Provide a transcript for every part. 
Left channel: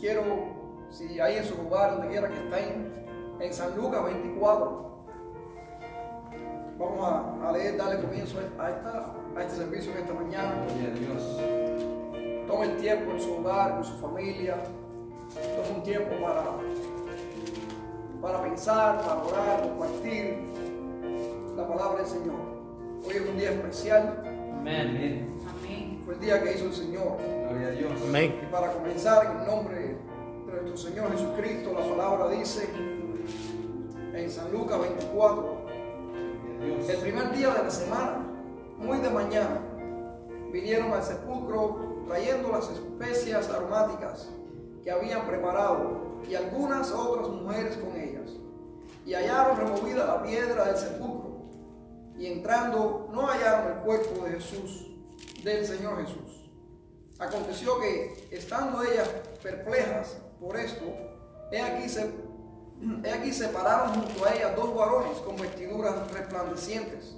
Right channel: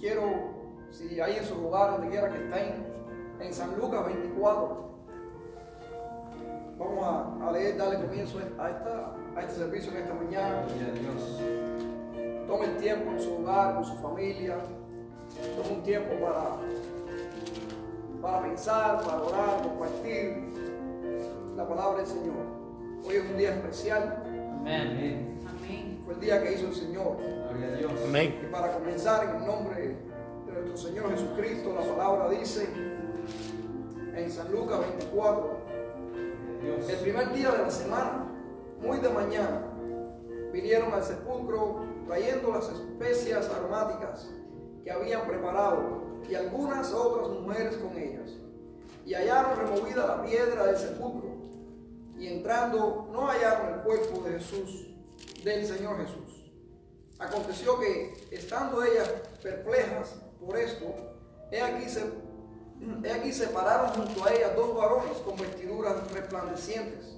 quiero, si hay en su lugar, donde quiera que estén, en San Lucas 24, vamos a leer, darle comienzo a este servicio en esta mañana. Tome el tiempo en su hogar, con su familia. Tome un tiempo para pensar, para orar, compartir la palabra del Señor. Hoy es un día especial. Amén. Amén. Fue el día que hizo el Señor. Gloria a Dios. Amén. Y para comenzar, en el nombre de nuestro Señor Jesucristo, la palabra dice en San Lucas 24, el primer día de la semana, muy de mañana, vinieron al sepulcro trayendo las especias aromáticas que habían preparado y algunas otras mujeres con ellas. Y hallaron removida la piedra del sepulcro, y entrando no hallaron el cuerpo de Jesús, del Señor Jesús. Aconteció que, estando ellas perplejas por esto, he aquí se pararon junto a ellas dos varones con vestiduras resplandecientes.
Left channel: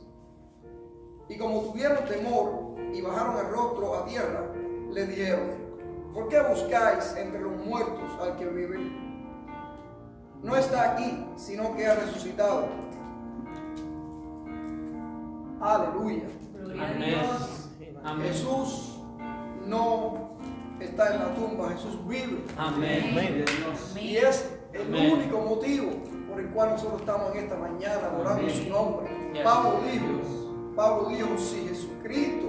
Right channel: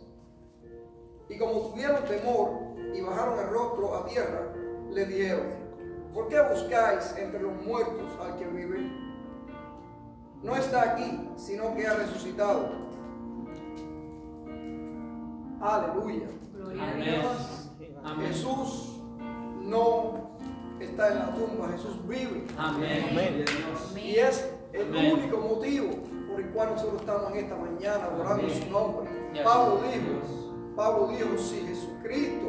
Y como tuvieron temor y bajaron el rostro a tierra, le dijeron: ¿por qué buscáis entre los muertos al que vive? No está aquí, sino que ha resucitado. Aleluya. Gloria a Amén. Dios. Amén. Jesús no está en la tumba, Jesús vive. Amén. Amén. Y es el Amén. único motivo por el cual nosotros estamos en esta mañana adorando Amén. su nombre. Yes. Pablo dijo, si Jesucristo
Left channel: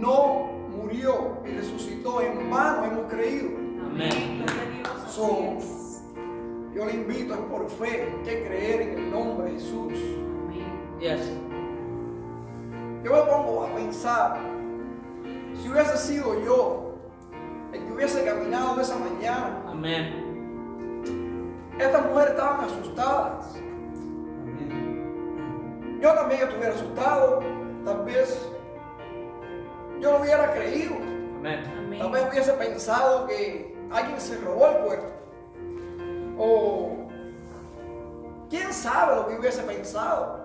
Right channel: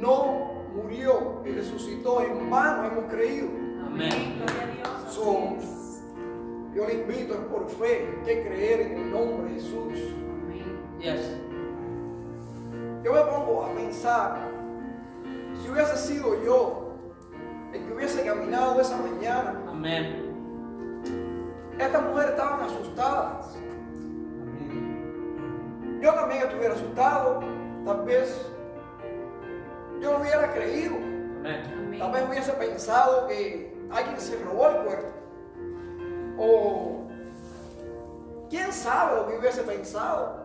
no murió y resucitó, en vano hemos creído. Amén. Gloria a Dios. Así So, es. yo le invito, es por fe, que creer en el nombre de Jesús. Amén. Yes. Yo me pongo a pensar, si hubiese sido yo el que hubiese caminado esa mañana, Amén. estas mujeres estaban asustadas. Amén. Yo también estuviera asustado, tal vez yo no hubiera creído, Amén. tal vez hubiese pensado que alguien se robó el cuerpo, o quién sabe lo que hubiese pensado.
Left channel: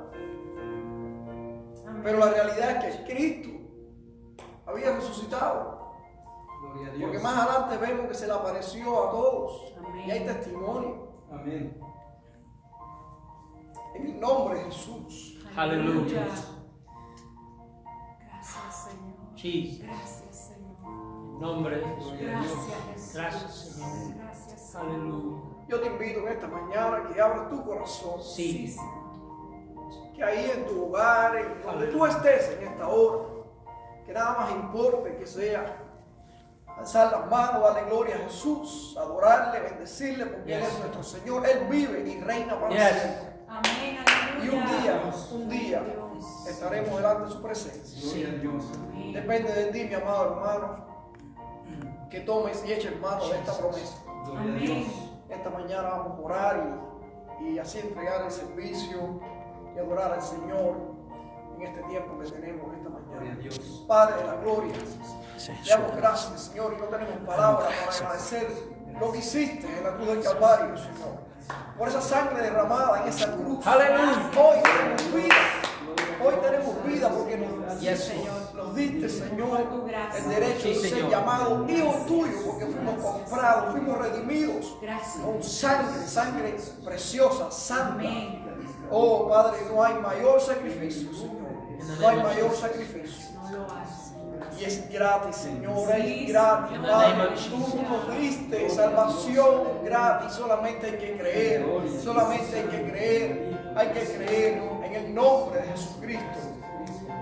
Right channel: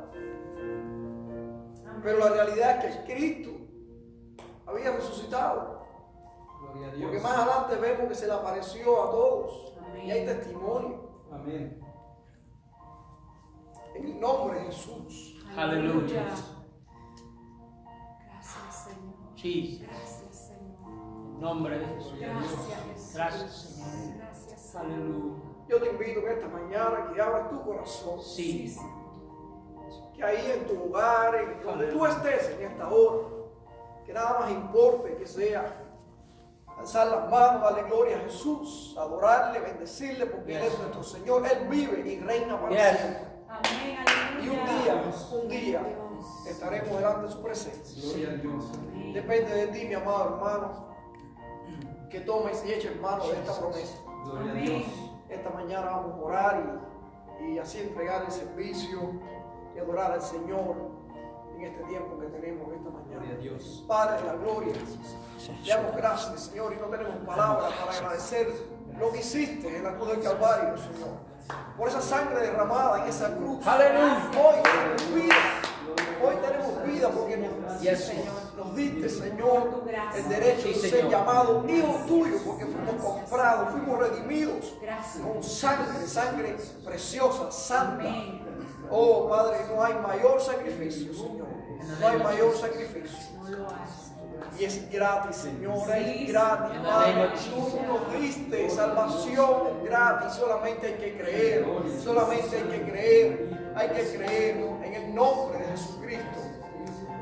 Amén. Pero la realidad es que Cristo había resucitado, Gloria a Dios. porque más adelante vemos que se le apareció a todos. Amén. Y hay testimonio Amén. en el nombre de Jesús. Aleluya. Gracias, Señor. Jesus. Gracias, Señor. En nombre de Jesús. Gracias, Jesús. Gracias, Señor. Gracias. Aleluya. Yo te invito en esta mañana que abras tu corazón, Sí. que ahí en tu lugar, en donde tú estés en esta hora, que nada más importe que sea alzar las manos, darle gloria a Jesús, adorarle, bendecirle, porque Él Yes. es nuestro Señor, Él vive y reina para Yes. siempre. Amén. Y Aleluya. un día Dios. estaremos delante de su presencia. Gloria a Dios. Amén. Depende de ti, mi amado hermano, que tomes y eches mano de esta promesa. Gloria a Amén. Dios. Esta mañana vamos a orar y así entregar el servicio y adorar al Señor en este tiempo que tenemos esta Gloria a mañana. Dios. Padre de la gloria, te damos gracias, Señor, y no tenemos palabras para agradecer lo que hiciste en la cruz del Calvario, Señor. Por esa sangre derramada en esa cruz. Aleluya. Hoy tenemos vida. Hoy tenemos vida porque nos, Yes, Señor, nos diste, Señor, Por tu gracia. el derecho Sí, de ser Señor. llamados hijos tuyos, porque fuimos comprados, fuimos redimidos Gracias. con sangre preciosa, santa. Amén. Oh Padre, no hay mayor sacrificio, Señor. No hay mayor sacrificio. No lo hace. Y es gratis, Señor, Sí, es gratis, Señor. Padre. Tú Aleluya. nos diste salvación gratis, solamente hay que creer, solamente hay que creer en el nombre de Jesucristo.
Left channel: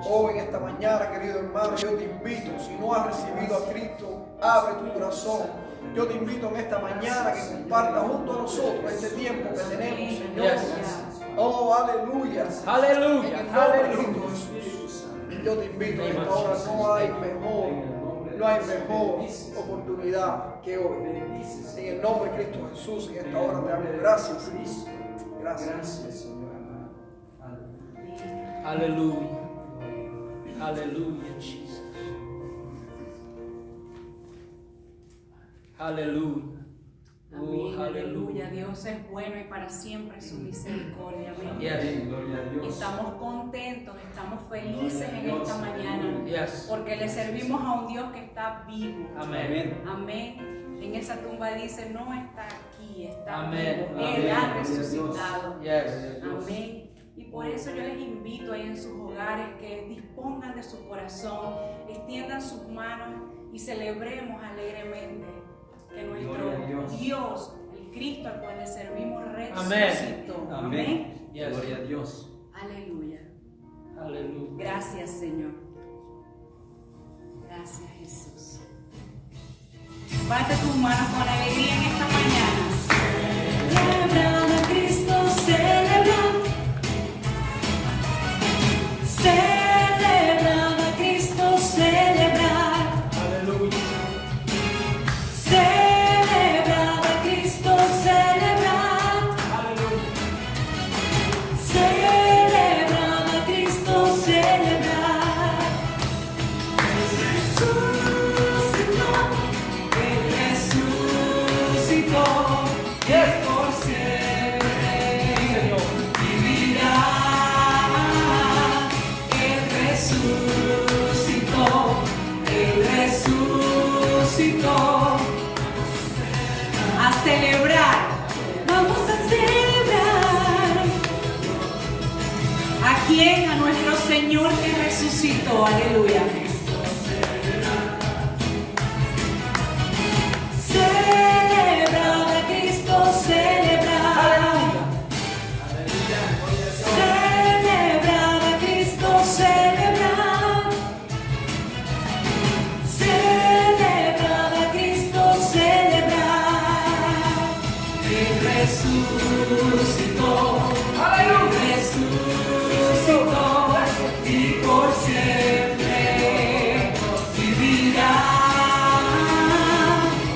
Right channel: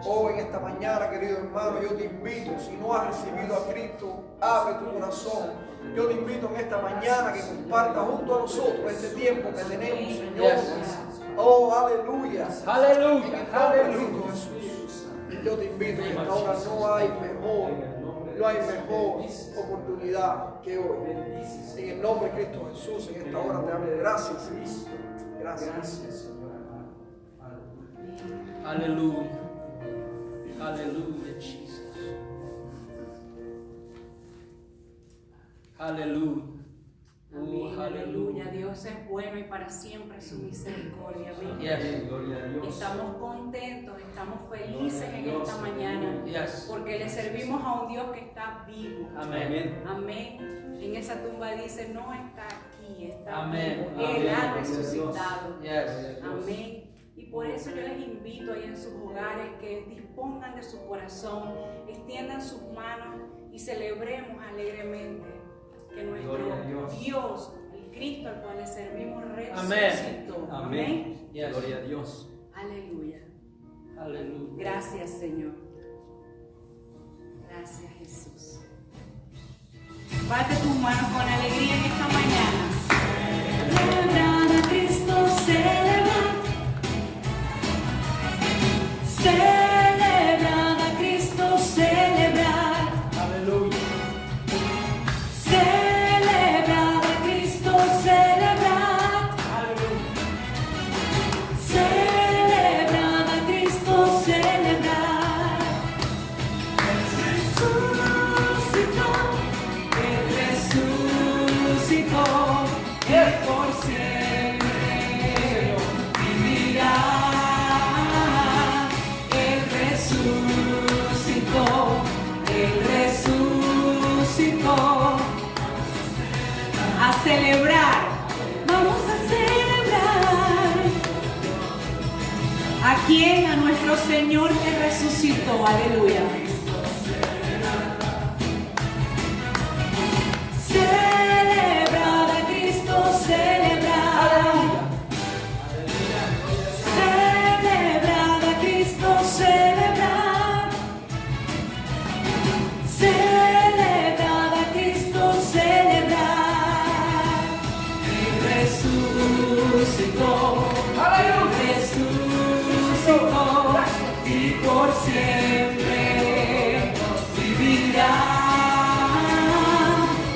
Oh, en esta mañana, querido hermano, yo te invito, si no has recibido a Cristo, abre tu corazón. Yo te invito en esta mañana que compartas junto a nosotros este tiempo que tenemos, Señor. Yes. Oh, aleluya. Aleluya. En el nombre de Aleluya. Cristo Jesús. Yo te invito, en esta hora no hay mejor oportunidad que hoy. En el nombre de Cristo Jesús, en esta hora te damos gracias. Gracias. Aleluya. Aleluya, Jesus. Aleluya. Amén, Aleluya. aleluya. Dios es bueno y para siempre su misericordia. Amén. Yes. Gloria a Dios. Estamos contentos, estamos felices Gloria a en Dios. esta mañana. Yes. Porque le servimos a un Dios que está vivo. Amén. Amén. En esa tumba dice, no está aquí, está Amén. vivo. Él ha Amén. resucitado. Yes. Amén. Y por eso yo les invito ahí en sus hogares que dispongan de su corazón, extiendan sus manos y celebremos alegremente que nuestro Gloria a Dios. Dios, el Cristo al cual le servimos, resucitó. Amén. Amén. Yes. Gloria a Dios. Aleluya. Aleluya. Gracias, Señor. Gracias, Jesús. Bate tus manos con alegría en esta mañana. Celebrar a Cristo, celebrar. Celebrar a Cristo, celebrar. Aleluya. Celebrar a Cristo, celebrar. Aleluya. Celebrar a Cristo, celebrar. Resucitó, Él resucitó, y por siempre Señor. vivirá. Él resucitó, Él resucitó. A celebrar, vamos a celebrar. ¿A quién? A nuestro Señor que resucitó, aleluya. Celebrar a Cristo, celebrar. Celebrar a Cristo, celebrar. Celebrar a Cristo, celebrar. Él resucitó. Resucitó y por siempre vivirá.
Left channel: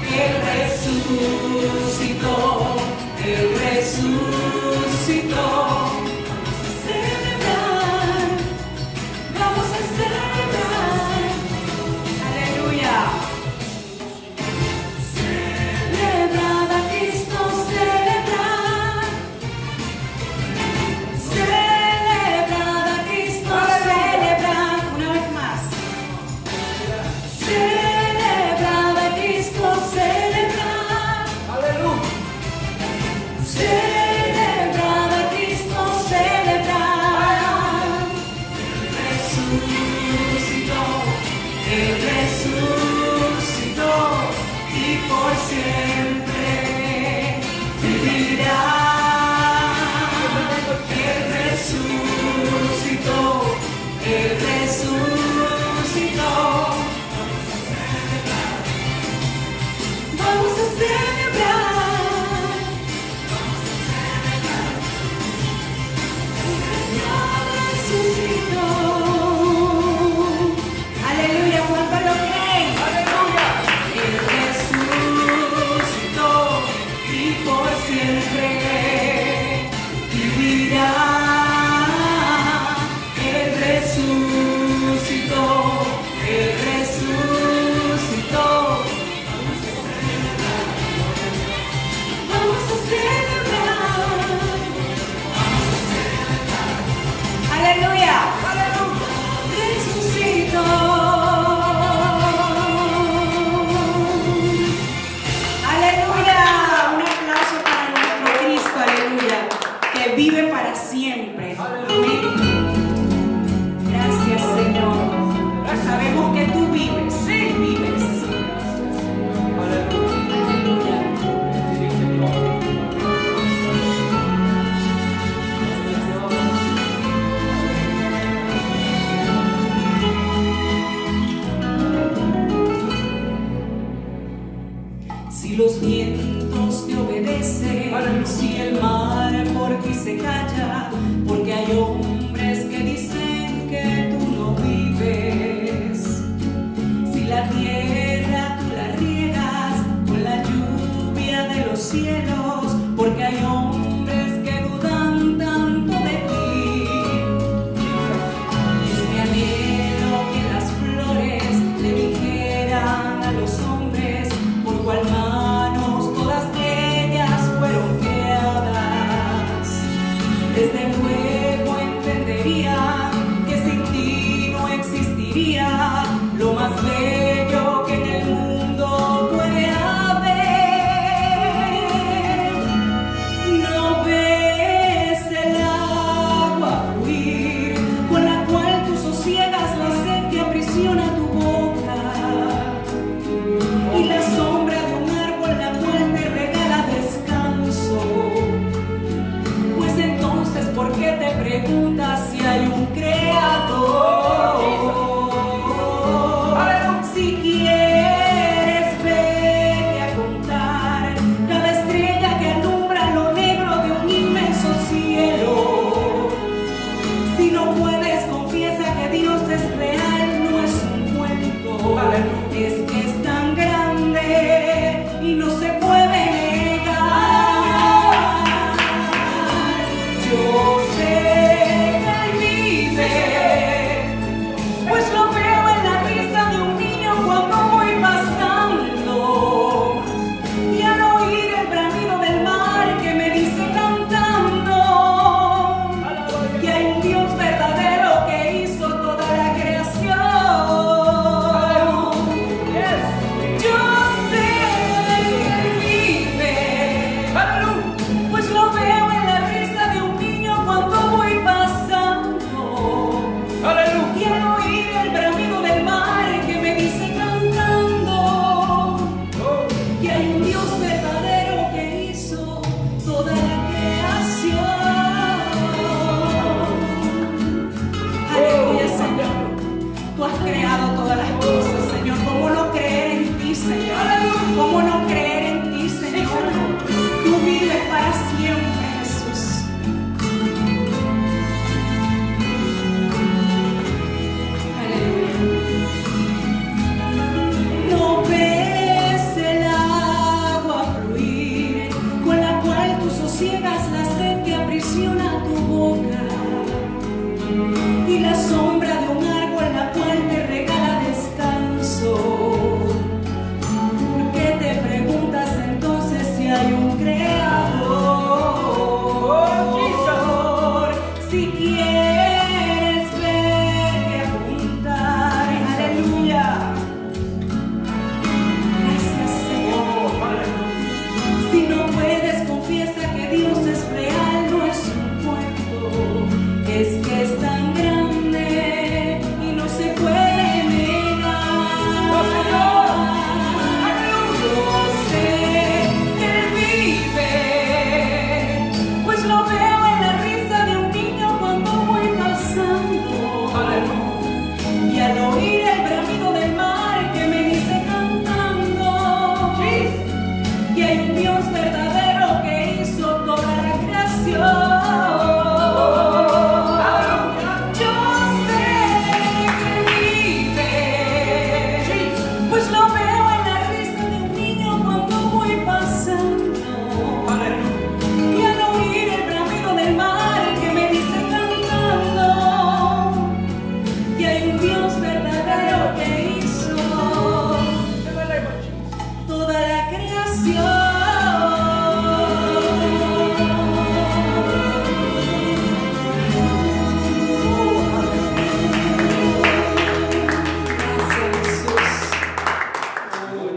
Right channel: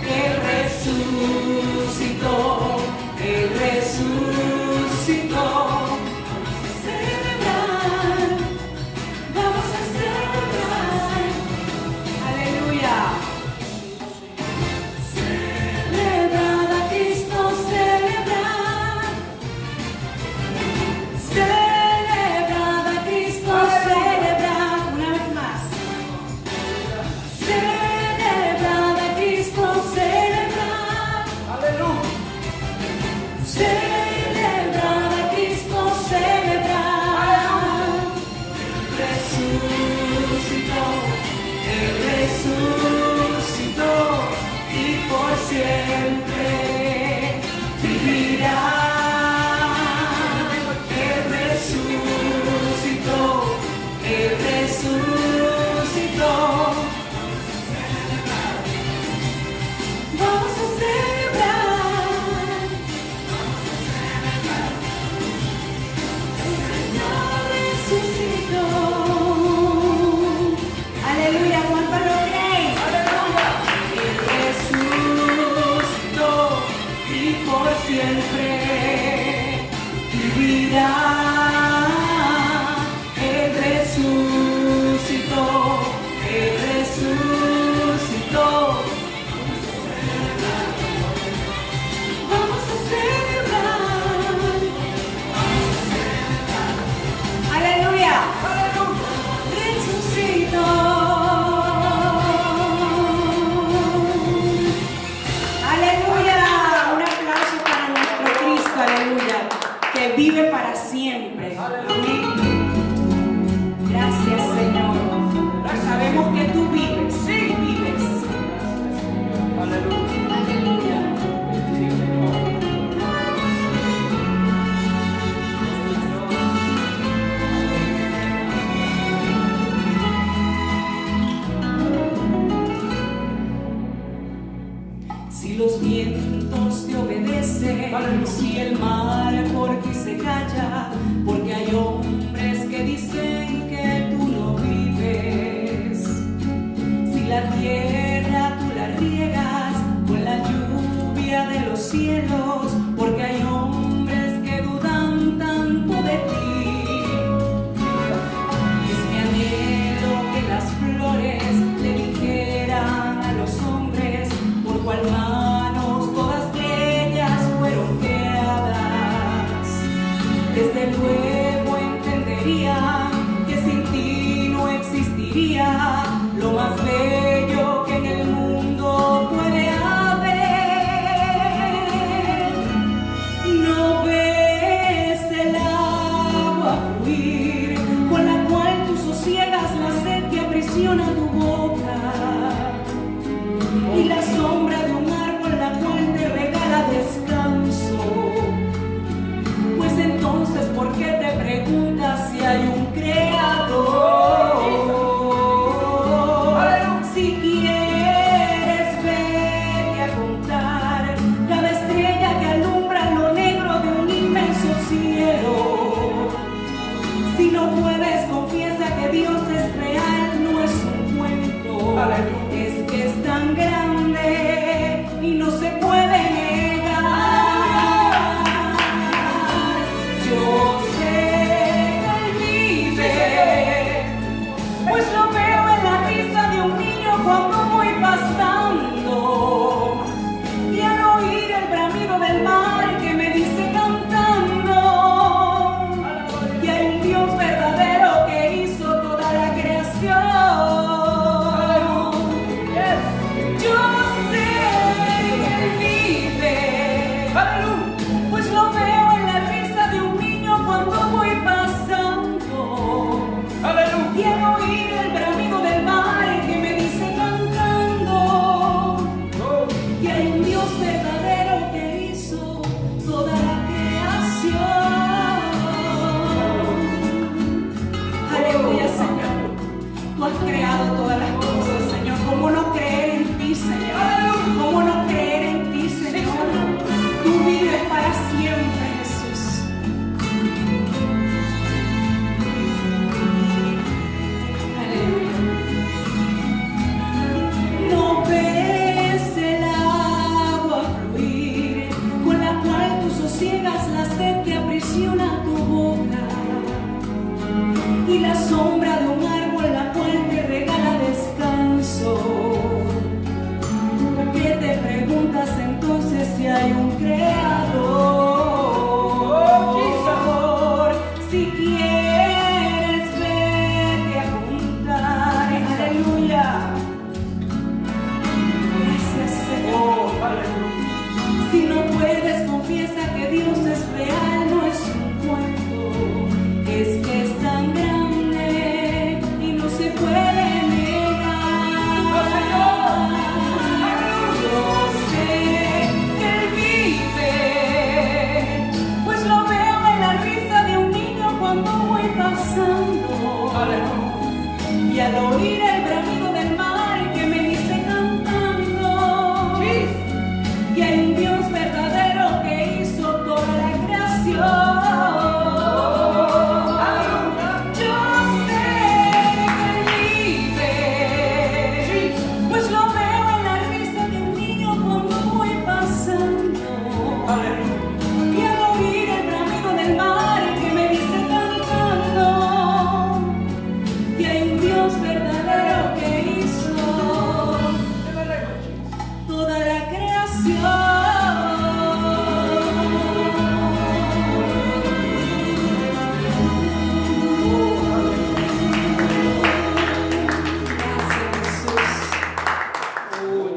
Él resucitó, Él resucitó. Celebrar, vamos a celebrar. Aleluya. Celebrar a Cristo, celebrar. Celebrar a Cristo, celebrar. Una vez más. Celebrar a Cristo, celebrar. Aleluya. Celebrar a Cristo, celebrar. Resucitó, Él resucitó y por siempre vivirá. Él resucitó, Él resucitó. Vamos a celebrar. Señor resucitó. Aleluya, ¿cuánto lo creen? Aleluya. Él resucitó y por siempre vivirá. Él resucitó, Él resucitó. Vamos a celebrar. Aleluya. Resucitó. Aleluya. Un aplauso para nuestro Cristo, aleluya, que vive para siempre. Amén. Gracias, Señor. Sabemos que tú vives, sí vives. Aleluya. Aleluya. Sí, Señor. Si los vientos te obedecen, Aleluya. si el mar por ti se calla, porque hay hombres que dicen que tú no vives. Si la tierra tú la riegas con la lluvia de los cielos, porque hay hombres que dudan tanto de ti. Es mi anhelo que las flores le dijeran a los hombres por cual manos todas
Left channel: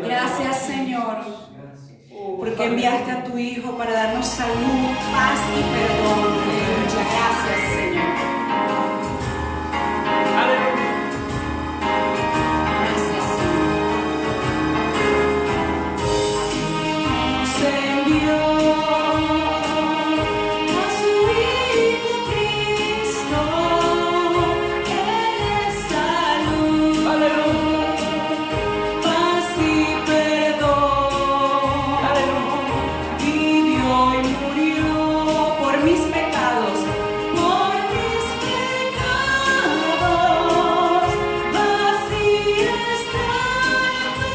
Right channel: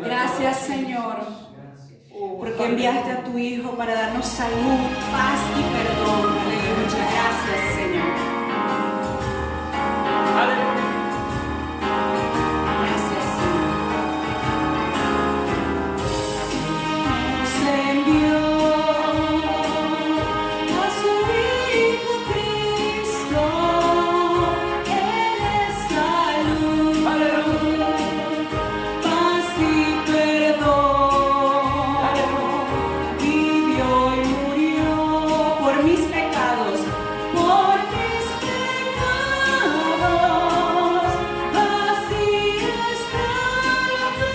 Gracias, Señor, porque enviaste a tu Hijo para darnos salud, paz y perdón. Aleluya. Gracias, Señor. Aleluya. Gracias, Señor. Nos envió a su Hijo Cristo, Él es salud. Aleluya. Paz y perdón. Aleluya. Vivió y murió por mis pecados, por mis pecados. Así está tu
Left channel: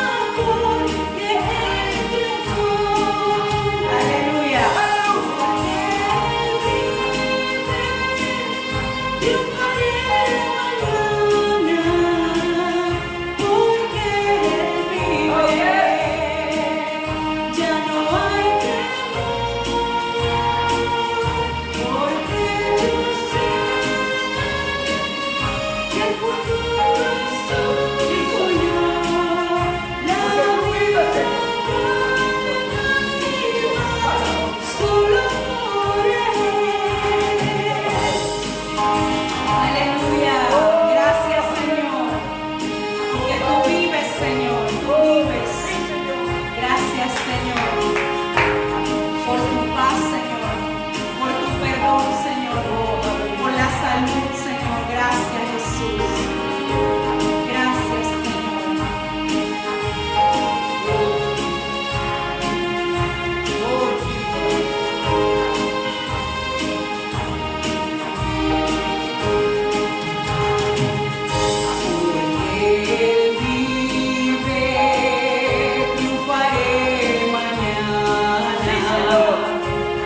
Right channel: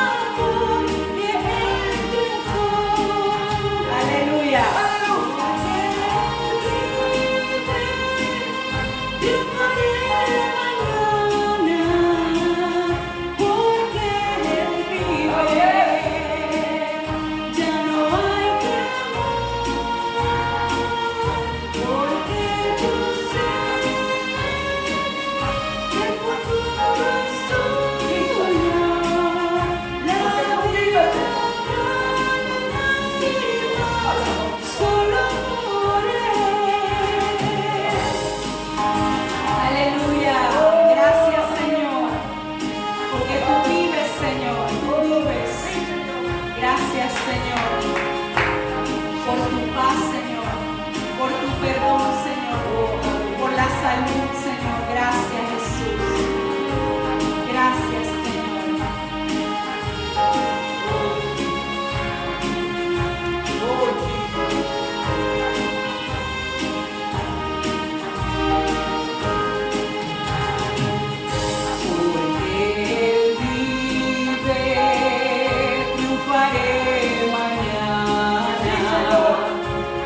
amor que Él dejó. Aleluya. Él vive, yo moriré mañana, porque Él vive. Ya no hay temor, porque yo sé que el futuro es suyo. La vida solo por Él. Aleluya. Gracias, Señor, porque tú vives, Señor, tú vives. Gracias, Señor, por tu paz, Señor, por tu perdón, Señor, por la salud, Señor. Gracias, Jesús. Gracias, Señor. Porque Él vive, triunfaré mañana.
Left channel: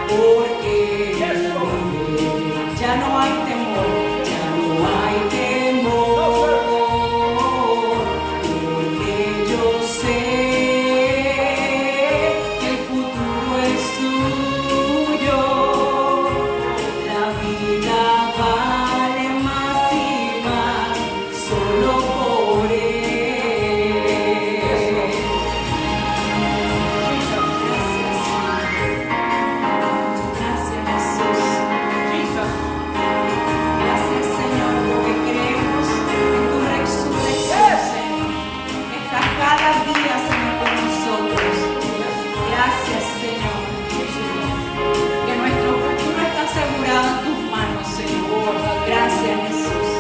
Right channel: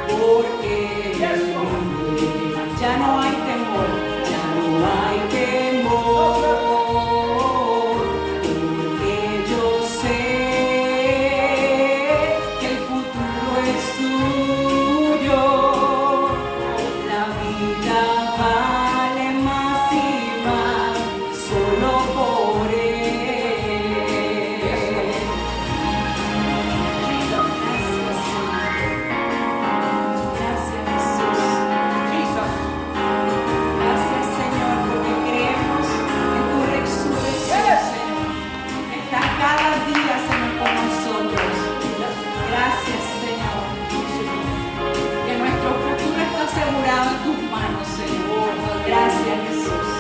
Porque Él vive, ya no hay temor, ya no hay temor. Porque yo sé que el futuro es suyo. La vida vale más y más solo por Él. Gracias, Jesús. Jesus. Gracias, Señor, porque creemos en tu resurrección, Señor. Estás cada día, Señor, con nosotros. Gracias, Señor. Que nuestro futuro está asegurado en tus manos, Señor. Gracias, Jesús.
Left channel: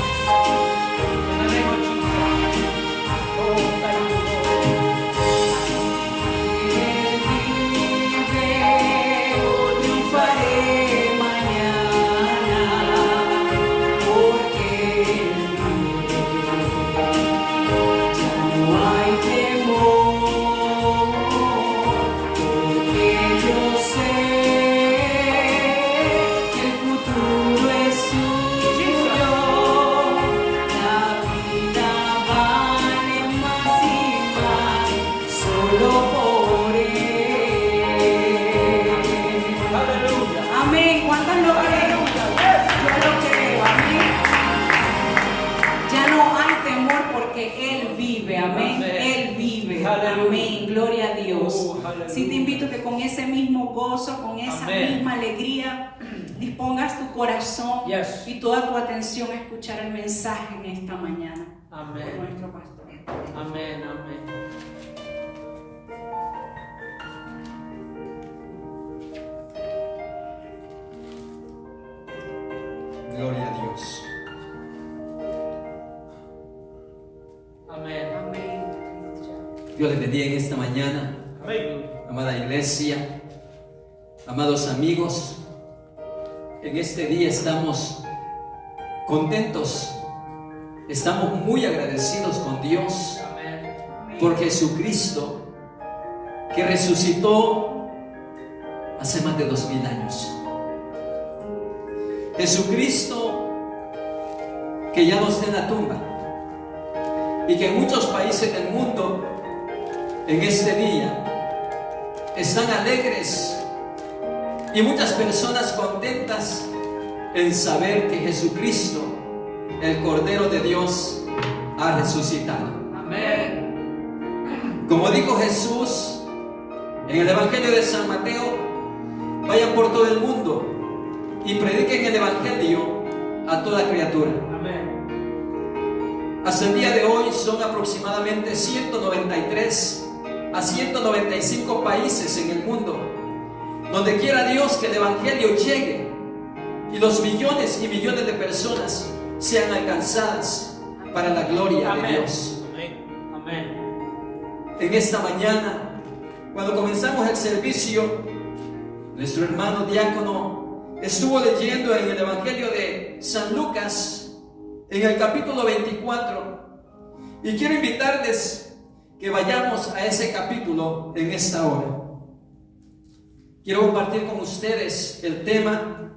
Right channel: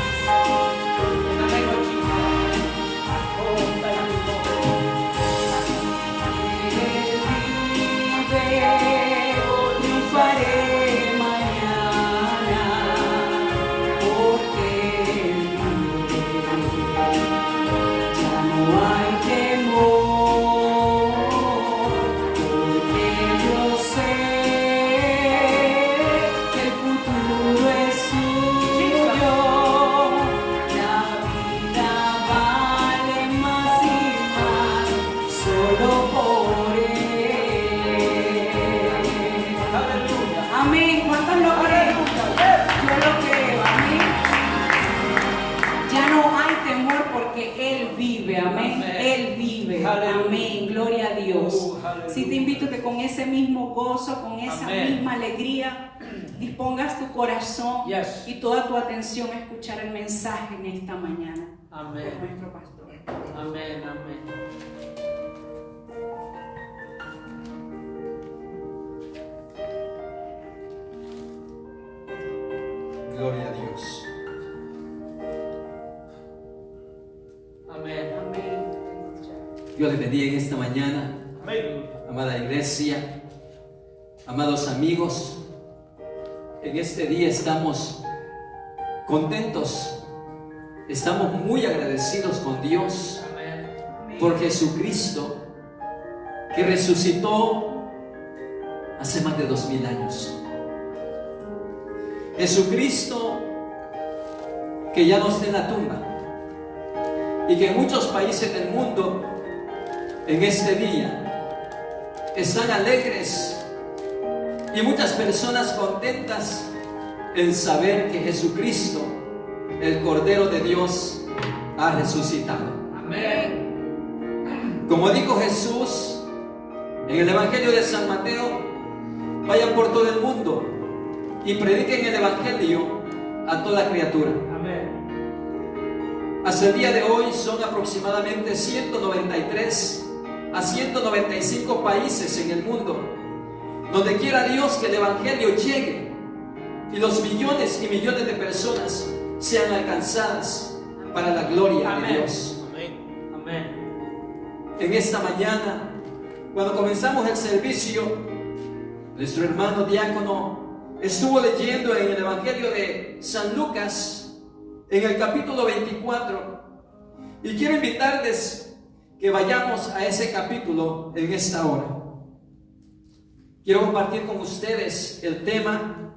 In the name of Jesus. Oh, thank you, Lord. Él vive, triunfaré mañana, porque Él vive. Ya no hay temor, porque yo sé que el futuro es suyo. La vida vale más y más solo por Él. Aleluya. Amén. ¿Cuántos lo creen? Aleluya. Yes. Yo lo creo. Amén. Ya no hay temor porque Él vive. Amén. Amén. Él vive. Aleluya. Amén. Gloria a Dios. Aleluya. Sí, te invito que con ese mismo gozo, con esa Amén. misma alegría, dispongas tu corazón Yes. y toda tu atención a escuchar el mensaje en esta mañana. Amén. Por nuestro pastor. Amén, amén. Gloria a Dios. Amén. Amén. Dios les bendiga en esta mañana, Amén. amada iglesia, amados amigos. En este día estamos contentos, estamos muy agradecidos con Dios Amén. por Jesucristo, que resucitó hace más de 2000 años. Jesucristo que ya no está en la tumba y que en muchos países del mundo en este día están alegres y muchas personas contentas en saber que Jesucristo, el Cordero de Dios, ha resucitado. Amén. Como dijo Jesús en el Evangelio de San Mateo, vayan por todo el mundo y prediquen el Evangelio a toda criatura. Amén. Hasta el día de hoy son aproximadamente 193 a 195 países en el mundo donde quiera Dios que el Evangelio llegue y los millones y millones de personas sean alcanzadas para la gloria de Dios. Amén. Amén. En esta mañana, cuando comenzamos el servicio, nuestro hermano diácono estuvo leyendo en el Evangelio de San Lucas, en el capítulo 24, y quiero invitarles que vayamos a ese capítulo en esta hora. Quiero compartir con ustedes el tema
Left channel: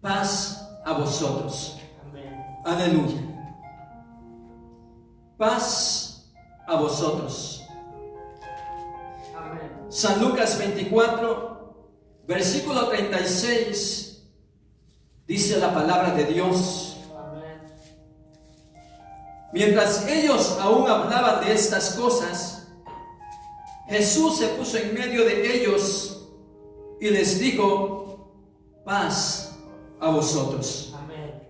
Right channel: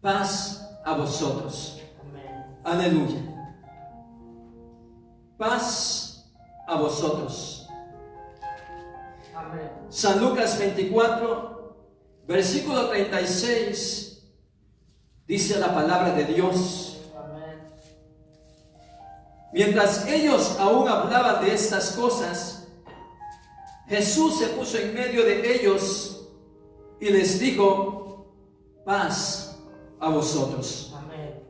paz a vosotros. Amén. Aleluya. Paz a vosotros. Amén. San Lucas 24, versículo 36, dice la palabra de Dios. Amén. Mientras ellos aún hablaban de estas cosas, Jesús se puso en medio de ellos y les dijo: paz a vosotros. Amén.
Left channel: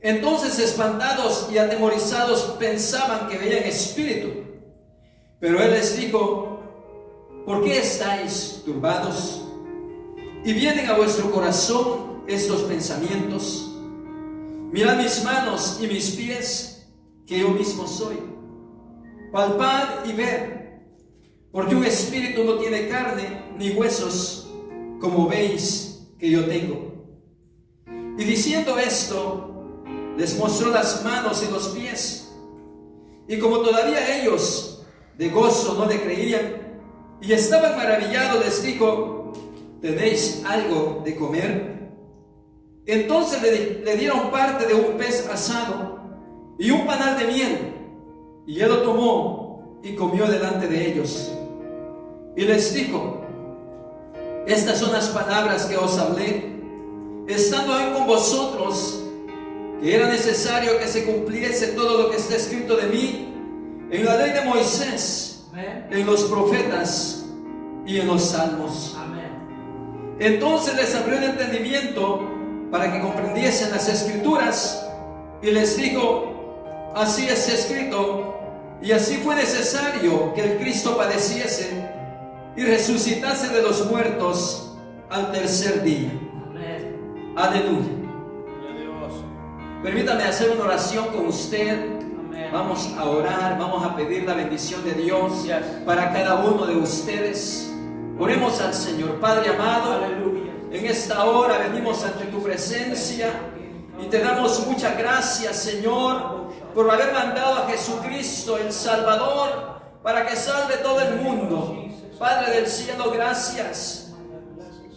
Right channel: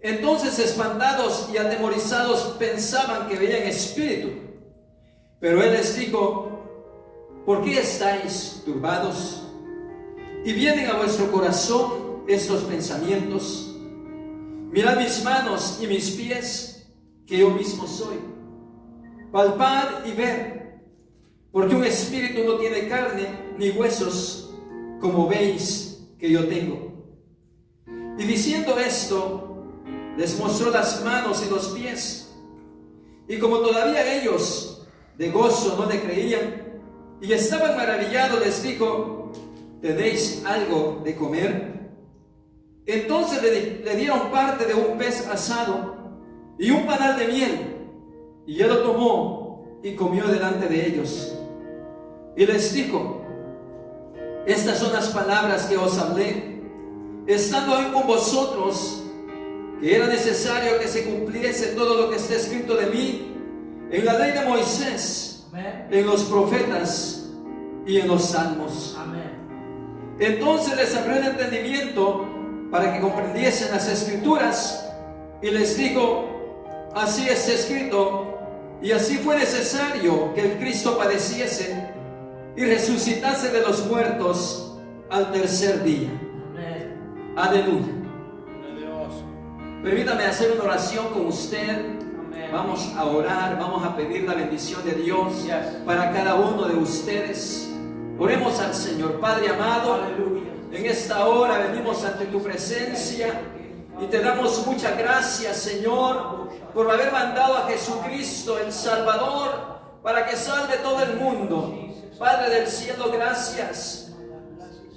Entonces, espantados y atemorizados, pensaban que veían espíritu. Pero Él les dijo: ¿por qué estáis turbados? Y vienen a vuestro corazón estos pensamientos. Mirad mis manos y mis pies, que yo mismo soy. Palpad y ved, porque un espíritu no tiene carne ni huesos, como veis que yo tengo. Y diciendo esto, les mostró las manos y los pies. Y como todavía ellos de gozo no le creían y estaban maravillados, les dijo: ¿tenéis algo de comer? Entonces le dieron parte de un pez asado y un panal de miel, y él lo tomó y comió delante de ellos. Y les dijo: estas son las palabras que os hablé, estando aún con vosotros, que era necesario que se cumpliese todo lo que está escrito de mí en la ley de Moisés, Amén. en los profetas y en los salmos. Amén. Entonces les abrió el entendimiento para que comprendiesen las escrituras, y les dijo: así está escrito, y así fue necesario que el Cristo padeciese y resucitase de los muertos al tercer día. Amén. Aleluya. Gloria a Dios. Permítame hacer una oración con usted. Amén. Vamos a orar, vamos a pedir la bendición de Dios Yes. para cada uno de ustedes. Oremos al Señor. Padre amado, Aleluya. en esta hora venimos ante tu presencia y te damos muchas gracias, Señor, por haber mandado a Jesucristo, el Salvador, para que salve todo el mundo. Padre del cielo, gracias.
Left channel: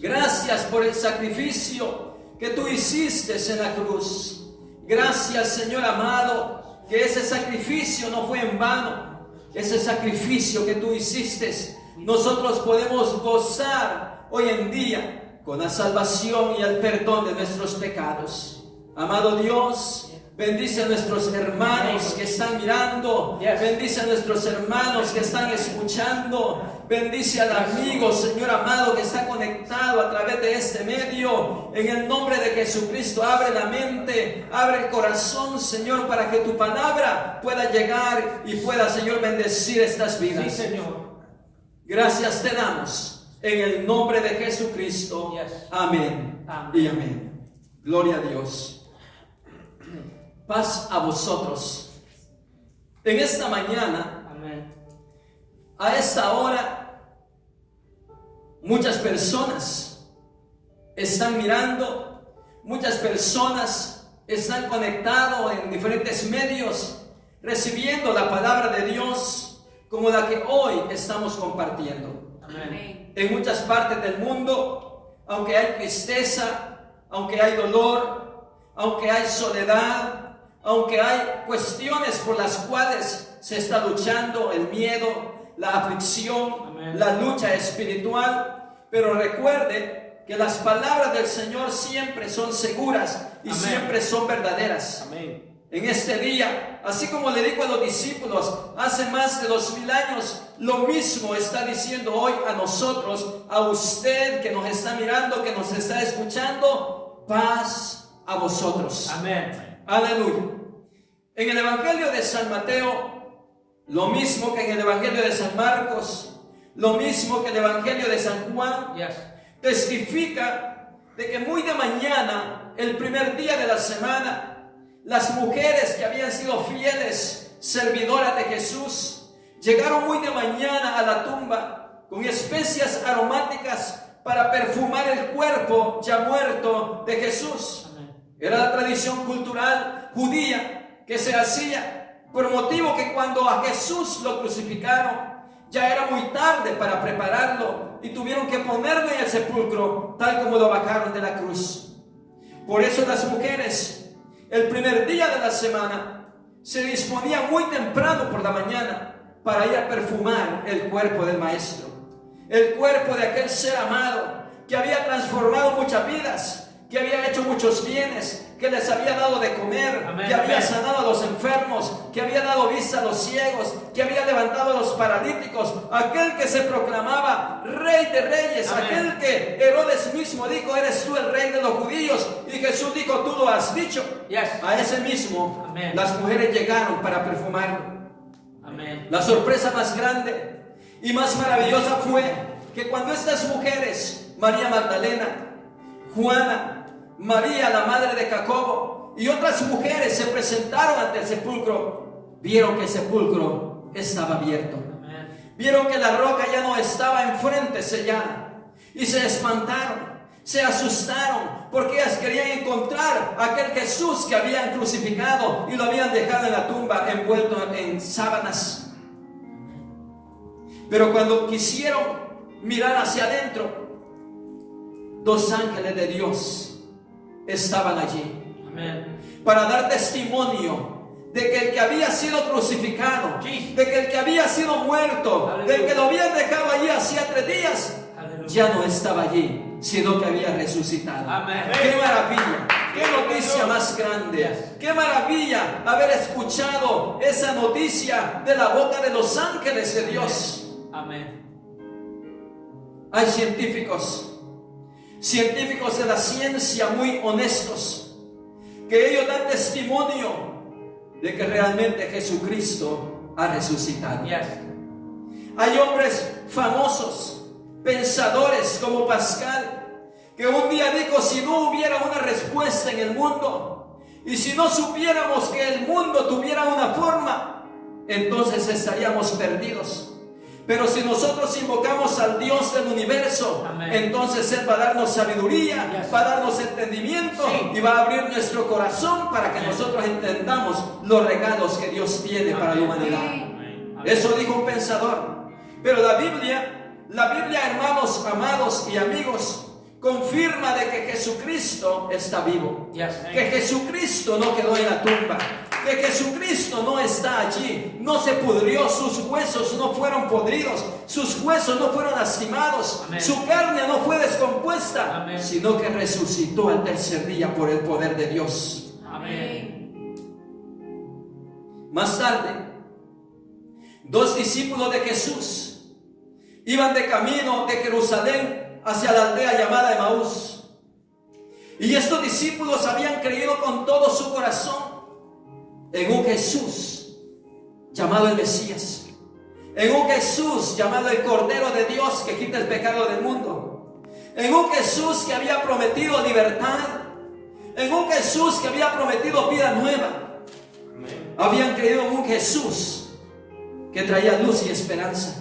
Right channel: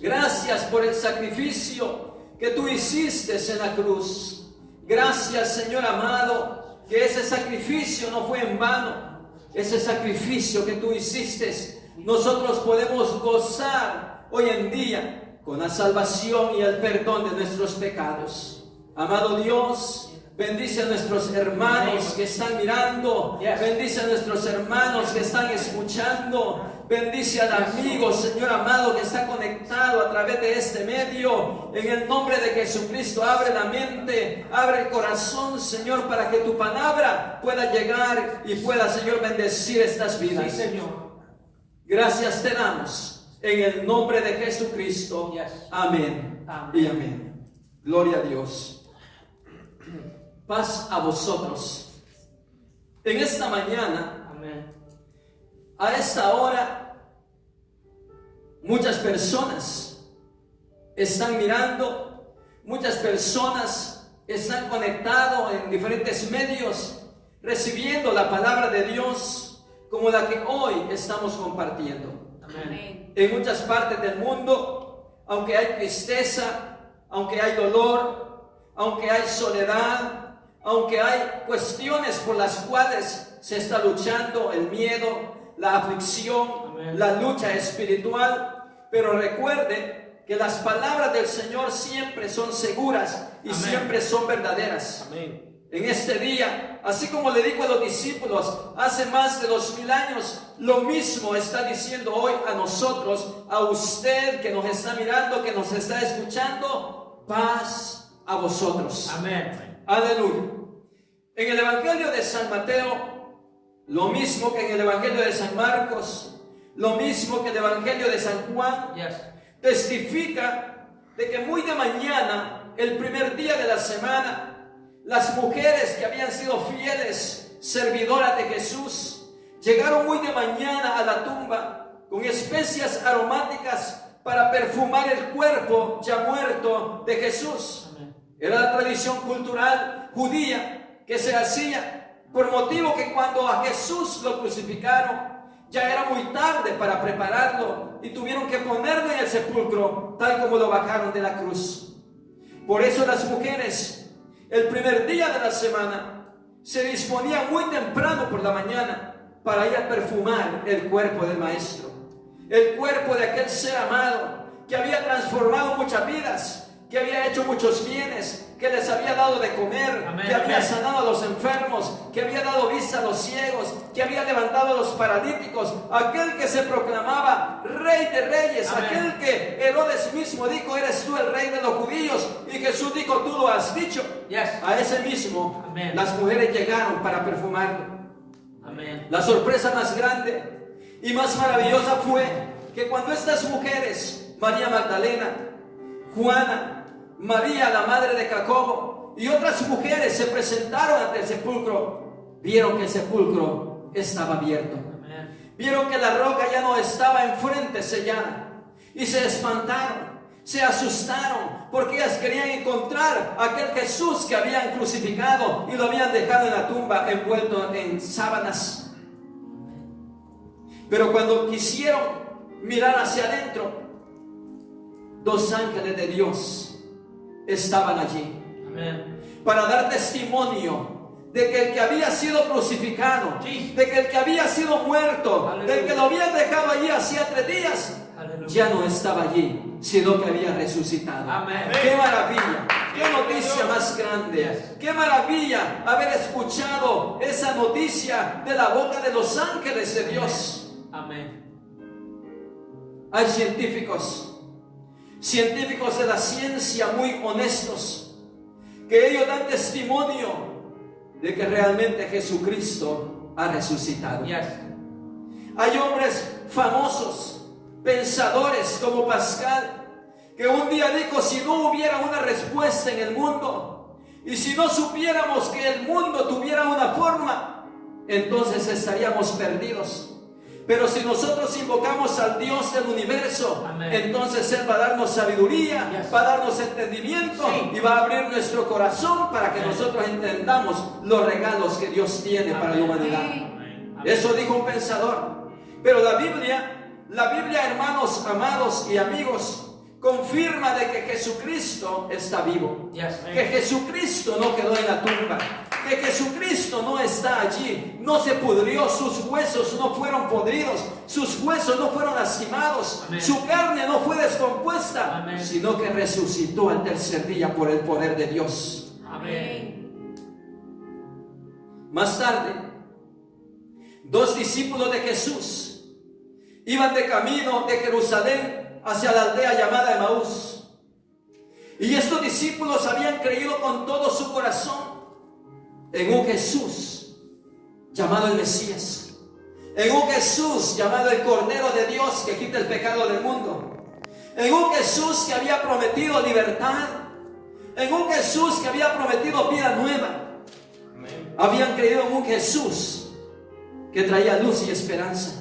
Gracias por el sacrificio que tú hiciste en la cruz. Gracias, Señor amado, que ese sacrificio no fue en vano. Ese sacrificio que tú hiciste, nosotros podemos gozar hoy en día con la salvación y el perdón de nuestros pecados. Amado Dios, bendice a nuestros hermanos que están mirando. Bendice a nuestros hermanos que están escuchando. Bendice al amigo, Señor amado, que está conectado a través de este medio. En el nombre de Jesucristo, abre la mente, abre el corazón, Señor, para que tu palabra pueda llegar y pueda, Señor, bendecir estas vidas. Sí, Señor. Gracias te damos en el nombre de Jesucristo. Yes. Amén. Amén. Y amén. Gloria a Dios. Paz a vosotros. En esta mañana, Amén. a esta hora, muchas personas están mirando, muchas personas están conectados en diferentes medios, recibiendo la palabra de Dios, como la que hoy estamos compartiendo. Amén. En muchas partes del mundo, aunque hay tristeza, aunque hay dolor, aunque hay soledad, aunque hay cuestiones por las cuales se está luchando, el miedo, la aflicción, Amén. la lucha espiritual, pero recuerde que las palabras del Señor siempre son seguras y Amén. siempre son verdaderas. Amén. En este día, así como le dijo a los discípulos hace más de 2000 años, lo mismo está diciendo hoy a nosotros, a usted que nos está mirando, que nos está escuchando: paz a vosotros. Amén. Aleluya. En el Evangelio de San Mateo, lo mismo que en el Evangelio de San Marcos, lo mismo que en el Evangelio de San Juan, Yes. testifica de que muy de mañana, el primer día de la semana, las mujeres que habían sido fieles servidoras de Jesús llegaron muy de mañana a la tumba con especias aromáticas para perfumar el cuerpo ya muerto de Jesús. Amén. Era la tradición cultural judía que se hacía por motivo que cuando a Jesús lo crucificaron ya era muy tarde para prepararlo y tuvieron que ponerlo en el sepulcro tal como lo bajaron de la cruz. Por eso las mujeres, el primer día de la semana, se disponían muy temprano por la mañana para ir a perfumar el cuerpo del Maestro, el cuerpo de aquel ser amado que había transformado muchas vidas, que había hecho muchos bienes, que les había dado de comer, Amén, que había amén. sanado a los enfermos, que había dado vista a los ciegos, que había levantado a los paralíticos, aquel que se proclamaba Rey de Reyes, Amén. aquel que Herodes mismo dijo: eres tú el Rey de los judíos, y Jesús dijo: tú lo has dicho. Yes. A ese mismo Amén. las mujeres llegaron para perfumarlo. Amén. La sorpresa más grande y más maravillosa fue que cuando estas mujeres, María Magdalena, Juana, María la madre de Jacobo y otras mujeres, se presentaron ante el sepulcro, vieron que el sepulcro estaba abierto, Amén. vieron que la roca ya no estaba enfrente sellada, y se espantaron, se asustaron, porque ellas querían encontrar a aquel Jesús que habían crucificado y lo habían dejado en la tumba envuelto en sábanas. Pero cuando quisieron mirar hacia adentro, dos ángeles de Dios estaban allí Amén. para dar testimonio de que el que había sido crucificado, Sí. de que el que había sido muerto, Aleluya. del que lo habían dejado allí hacía 3 días, Aleluya. ya no estaba allí, sino que había resucitado. Amén. ¡Qué maravilla! ¡Qué noticia Señor. más grande! Yes. ¡Qué maravilla haber escuchado esa noticia de la boca de los ángeles de Dios! Amén. Hay científicos de la ciencia muy honestos, que ellos dan testimonio de que realmente Jesucristo ha resucitado. Yes. Hay hombres famosos, pensadores como Pascal, que un día dijo: si no hubiera una respuesta en el mundo, y si no supiéramos que el mundo tuviera una forma, entonces estaríamos perdidos. Pero si nosotros invocamos al Dios del universo, Amén. entonces Él va a darnos sabiduría, Yes. va a darnos entendimiento, Sí. y va a abrir nuestro corazón para que Amén. nosotros entendamos los regalos que Dios tiene para la Amén. humanidad. Amén. Eso dijo un pensador. Pero la Biblia, hermanos, amados y amigos, confirma de que Jesucristo está vivo. Yes. Que Jesucristo no quedó en la tumba, que Jesucristo no está allí, no se pudrió, sus huesos no fueron podridos, sus huesos no fueron lastimados, Amén. su carne no fue descompuesta, Amén. sino que resucitó al tercer día por el poder de Dios. Amén. Más tarde, 2 discípulos de Jesús iban de camino de Jerusalén hacia la aldea llamada Emaús. Y estos discípulos habían creído con todo su corazón en un Jesús llamado el Mesías, en un Jesús llamado el Cordero de Dios que quita el pecado del mundo, en un Jesús que había prometido libertad, en un Jesús que había prometido vida nueva. Amén. Habían creído en un Jesús que traía luz y esperanza,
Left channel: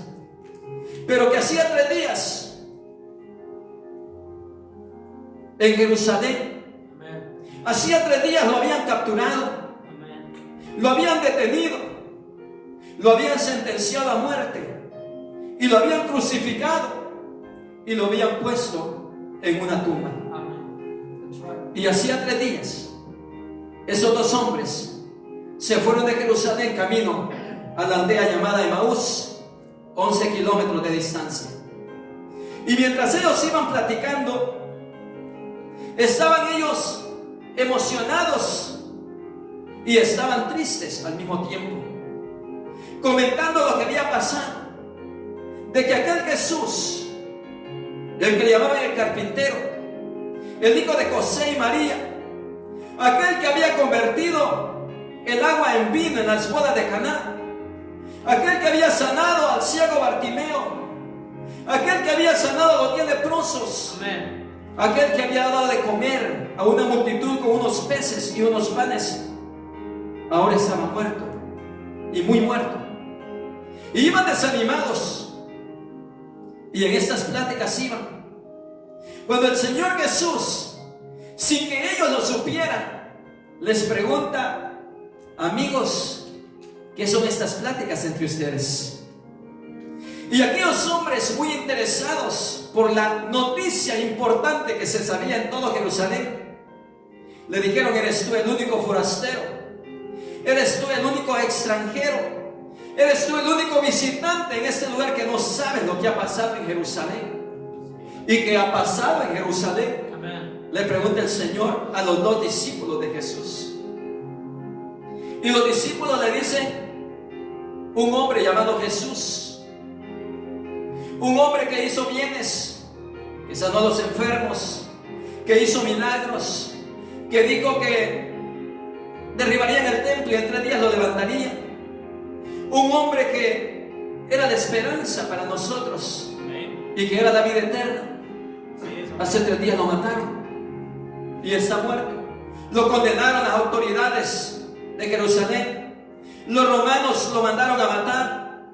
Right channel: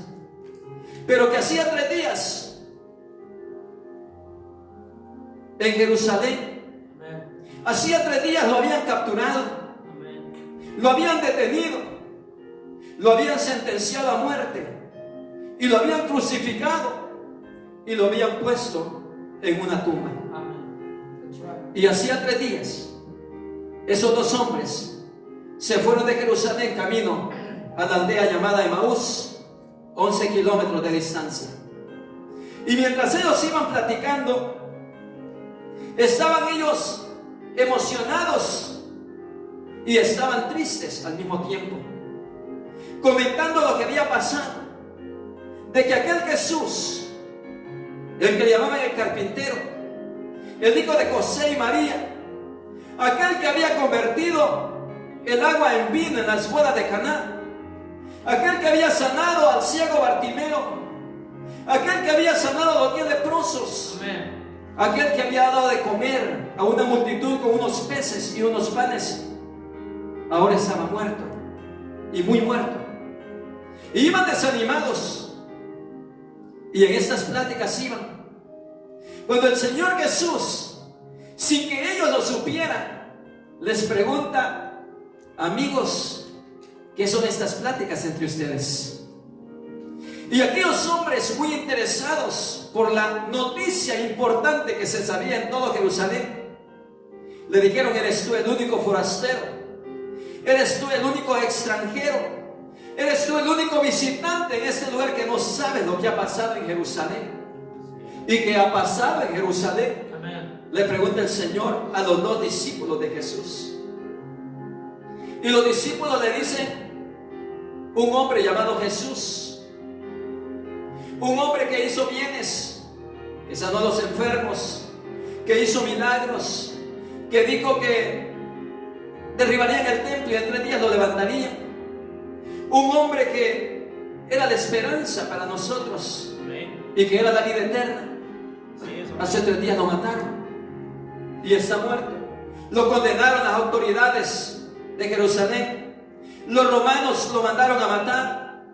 pero que hacía 3 días en Jerusalén, Amén. hacía 3 días lo habían capturado, Amén. lo habían detenido, lo habían sentenciado a muerte y lo habían crucificado y lo habían puesto en una tumba. Amen. That's right. Y hacía 3 días esos 2 hombres se fueron de Jerusalén camino a la aldea llamada Emaús, 11 kilómetros de distancia. Y mientras ellos iban platicando, estaban ellos emocionados y estaban tristes al mismo tiempo, comentando lo que había pasado, de que aquel Jesús, el que le llamaban el carpintero, el hijo de José y María, aquel que había convertido el agua en vino en las bodas de Caná, aquel que había sanado al ciego Bartimeo, aquel que había sanado a los 10 leprosos, Amen. aquel que había dado de comer a una multitud con unos peces y unos panes, ahora estaba muerto, y muy muerto. Y iban desanimados, y en estas pláticas iban, cuando el Señor Jesús, sin que ellos lo supieran, les pregunta: amigos, ¿qué son estas pláticas entre ustedes? Y aquellos hombres, muy interesados por la noticia importante que se sabía en todo Jerusalén, le dijeron: eres tú el único forastero, eres tú el único extranjero, eres tú el único visitante en este lugar que no sabe lo que ha pasado en Jerusalén. ¿Y qué ha pasado en Jerusalén? Amen. Le pregunta el Señor a los 2 discípulos de Jesús. Y los discípulos le dicen: un hombre llamado Jesús, un hombre que hizo bienes, que sanó a los enfermos, que hizo milagros, que dijo que derribarían el templo y en 3 días lo levantarían. Un hombre que era la esperanza para nosotros Amen. y que era la vida eterna. Sí, eso. Hace 3 días lo mataron y está muerto. Lo condenaron las autoridades de Jerusalén. Los romanos lo mandaron a matar.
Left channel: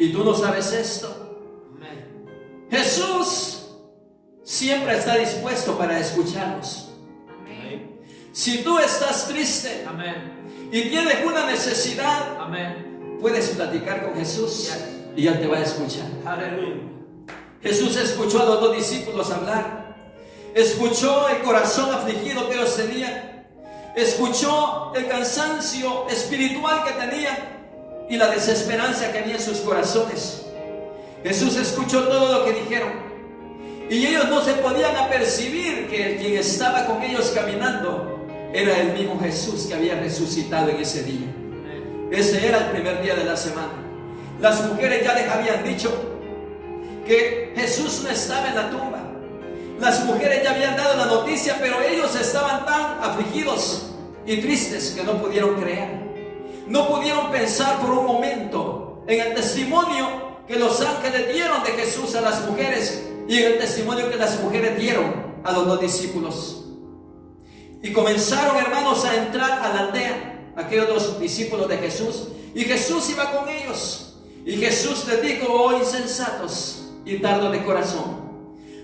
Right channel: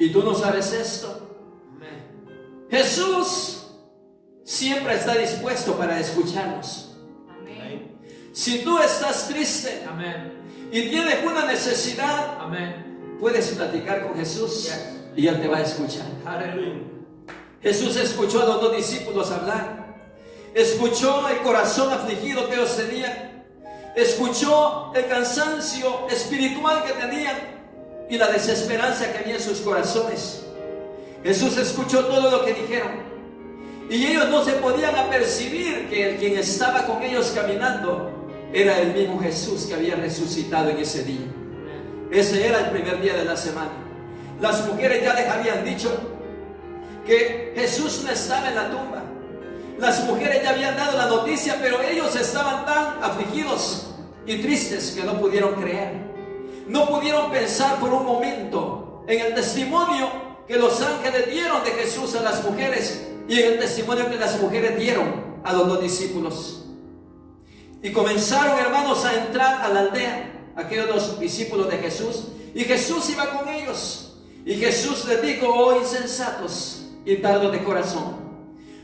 Y tú no sabes esto. Amen. Jesús siempre está dispuesto para escucharnos. Amen. Si tú estás triste Amen. y tienes una necesidad, Amen. puedes platicar con Jesús Yes. y Él te va a escuchar. Hallelujah. Jesús escuchó a los 2 discípulos hablar, escuchó el corazón afligido que ellos tenían, escuchó el cansancio espiritual que tenían y la desesperanza que había en sus corazones. Jesús escuchó todo lo que dijeron y ellos no se podían apercibir que el quien estaba con ellos caminando era el mismo Jesús que había resucitado en ese día. Amen. Ese era el primer día de la semana. Las mujeres ya les habían dicho que Jesús no estaba en la tumba. Las mujeres ya habían dado la noticia, pero ellos estaban tan afligidos y tristes que no pudieron creer. No pudieron pensar por un momento en el testimonio que los ángeles dieron de Jesús a las mujeres y en el testimonio que las mujeres dieron a los 2 discípulos. Y comenzaron, hermanos, a entrar a la aldea, aquellos 2 discípulos de Jesús, y Jesús iba con ellos. Y Jesús les dijo: oh insensatos y tardos de corazón,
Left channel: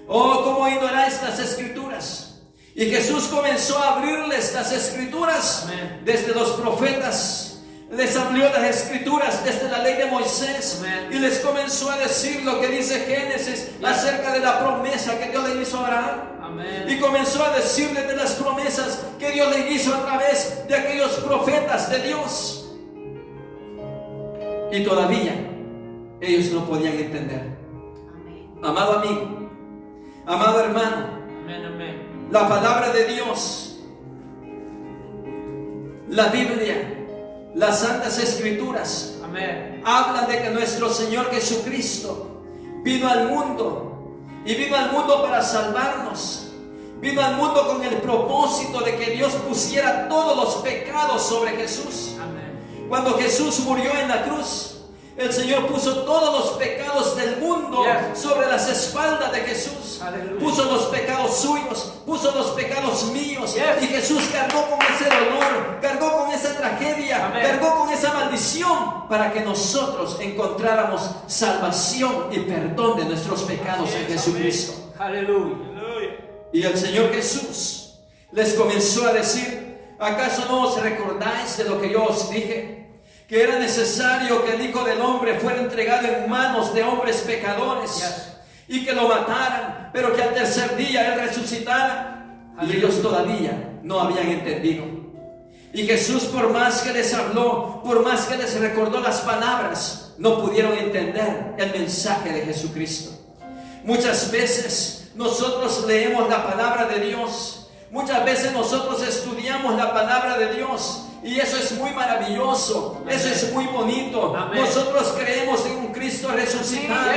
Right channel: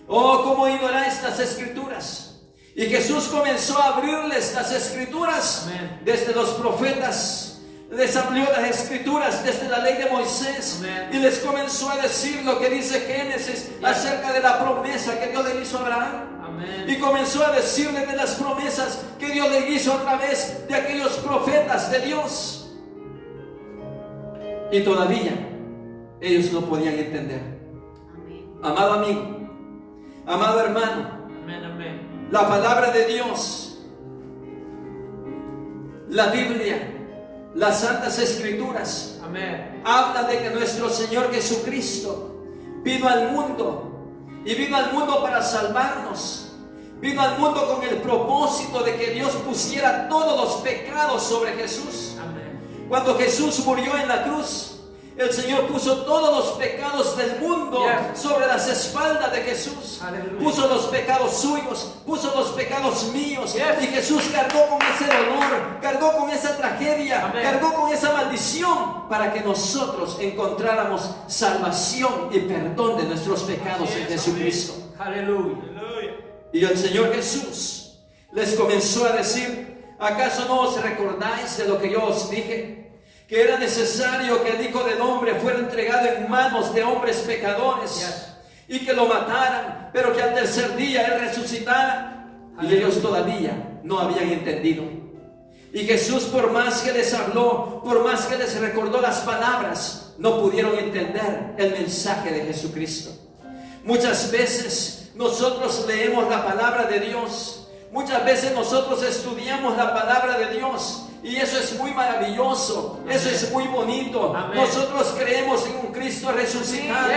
oh, cómo ignoráis estas escrituras. Y Jesús comenzó a abrirles las escrituras. Amén. Desde los profetas les abrió las escrituras, desde la ley de Moisés. Amén. Y les comenzó a decir lo que dice Génesis acerca de la promesa que Dios le hizo a Abraham. Amen. Y comenzó a decirles de las promesas que Dios le hizo a través de aquellos profetas de Dios. Y todavía ellos no podían entender. Amado amigo, amado hermano, Amen. Amen. la palabra de Dios, la Biblia, las Santas Escrituras Amen. hablan de que nuestro Señor Jesucristo vino al mundo y vino al mundo para salvarnos. Vino al mundo con el propósito de que Dios pusiera todos los pecados sobre Jesús. Amen. Cuando Jesús murió en la cruz, el Señor puso todos los pecados del mundo Yes. sobre las espaldas de Jesús. Aleluya. Puso los pecados suyos, puso los pecados míos. Yes. Y Jesús cargó con ese dolor, cargó con esa tragedia, Amén. cargó con esa maldición para que nosotros encontráramos salvación y perdón de nuestros pecados en Jesucristo. Aleluya. Y el Señor Jesús les comenzó a decir: ¿acaso no os recordáis de lo que yo os dije? que era necesario que el Hijo del Hombre fuera entregado en manos de hombres pecadores y que lo mataran, pero que al tercer día Él resucitara. Y ellos todavía no habían entendido. Y Jesús, por más que les habló, por más que les recordó las palabras, no pudieron entender el mensaje de Jesucristo. Muchas veces nosotros leemos la palabra de Dios, muchas veces nosotros estudiamos la palabra de Dios, y eso es muy maravilloso, eso es muy bonito. Nosotros creemos en un Cristo resucitado,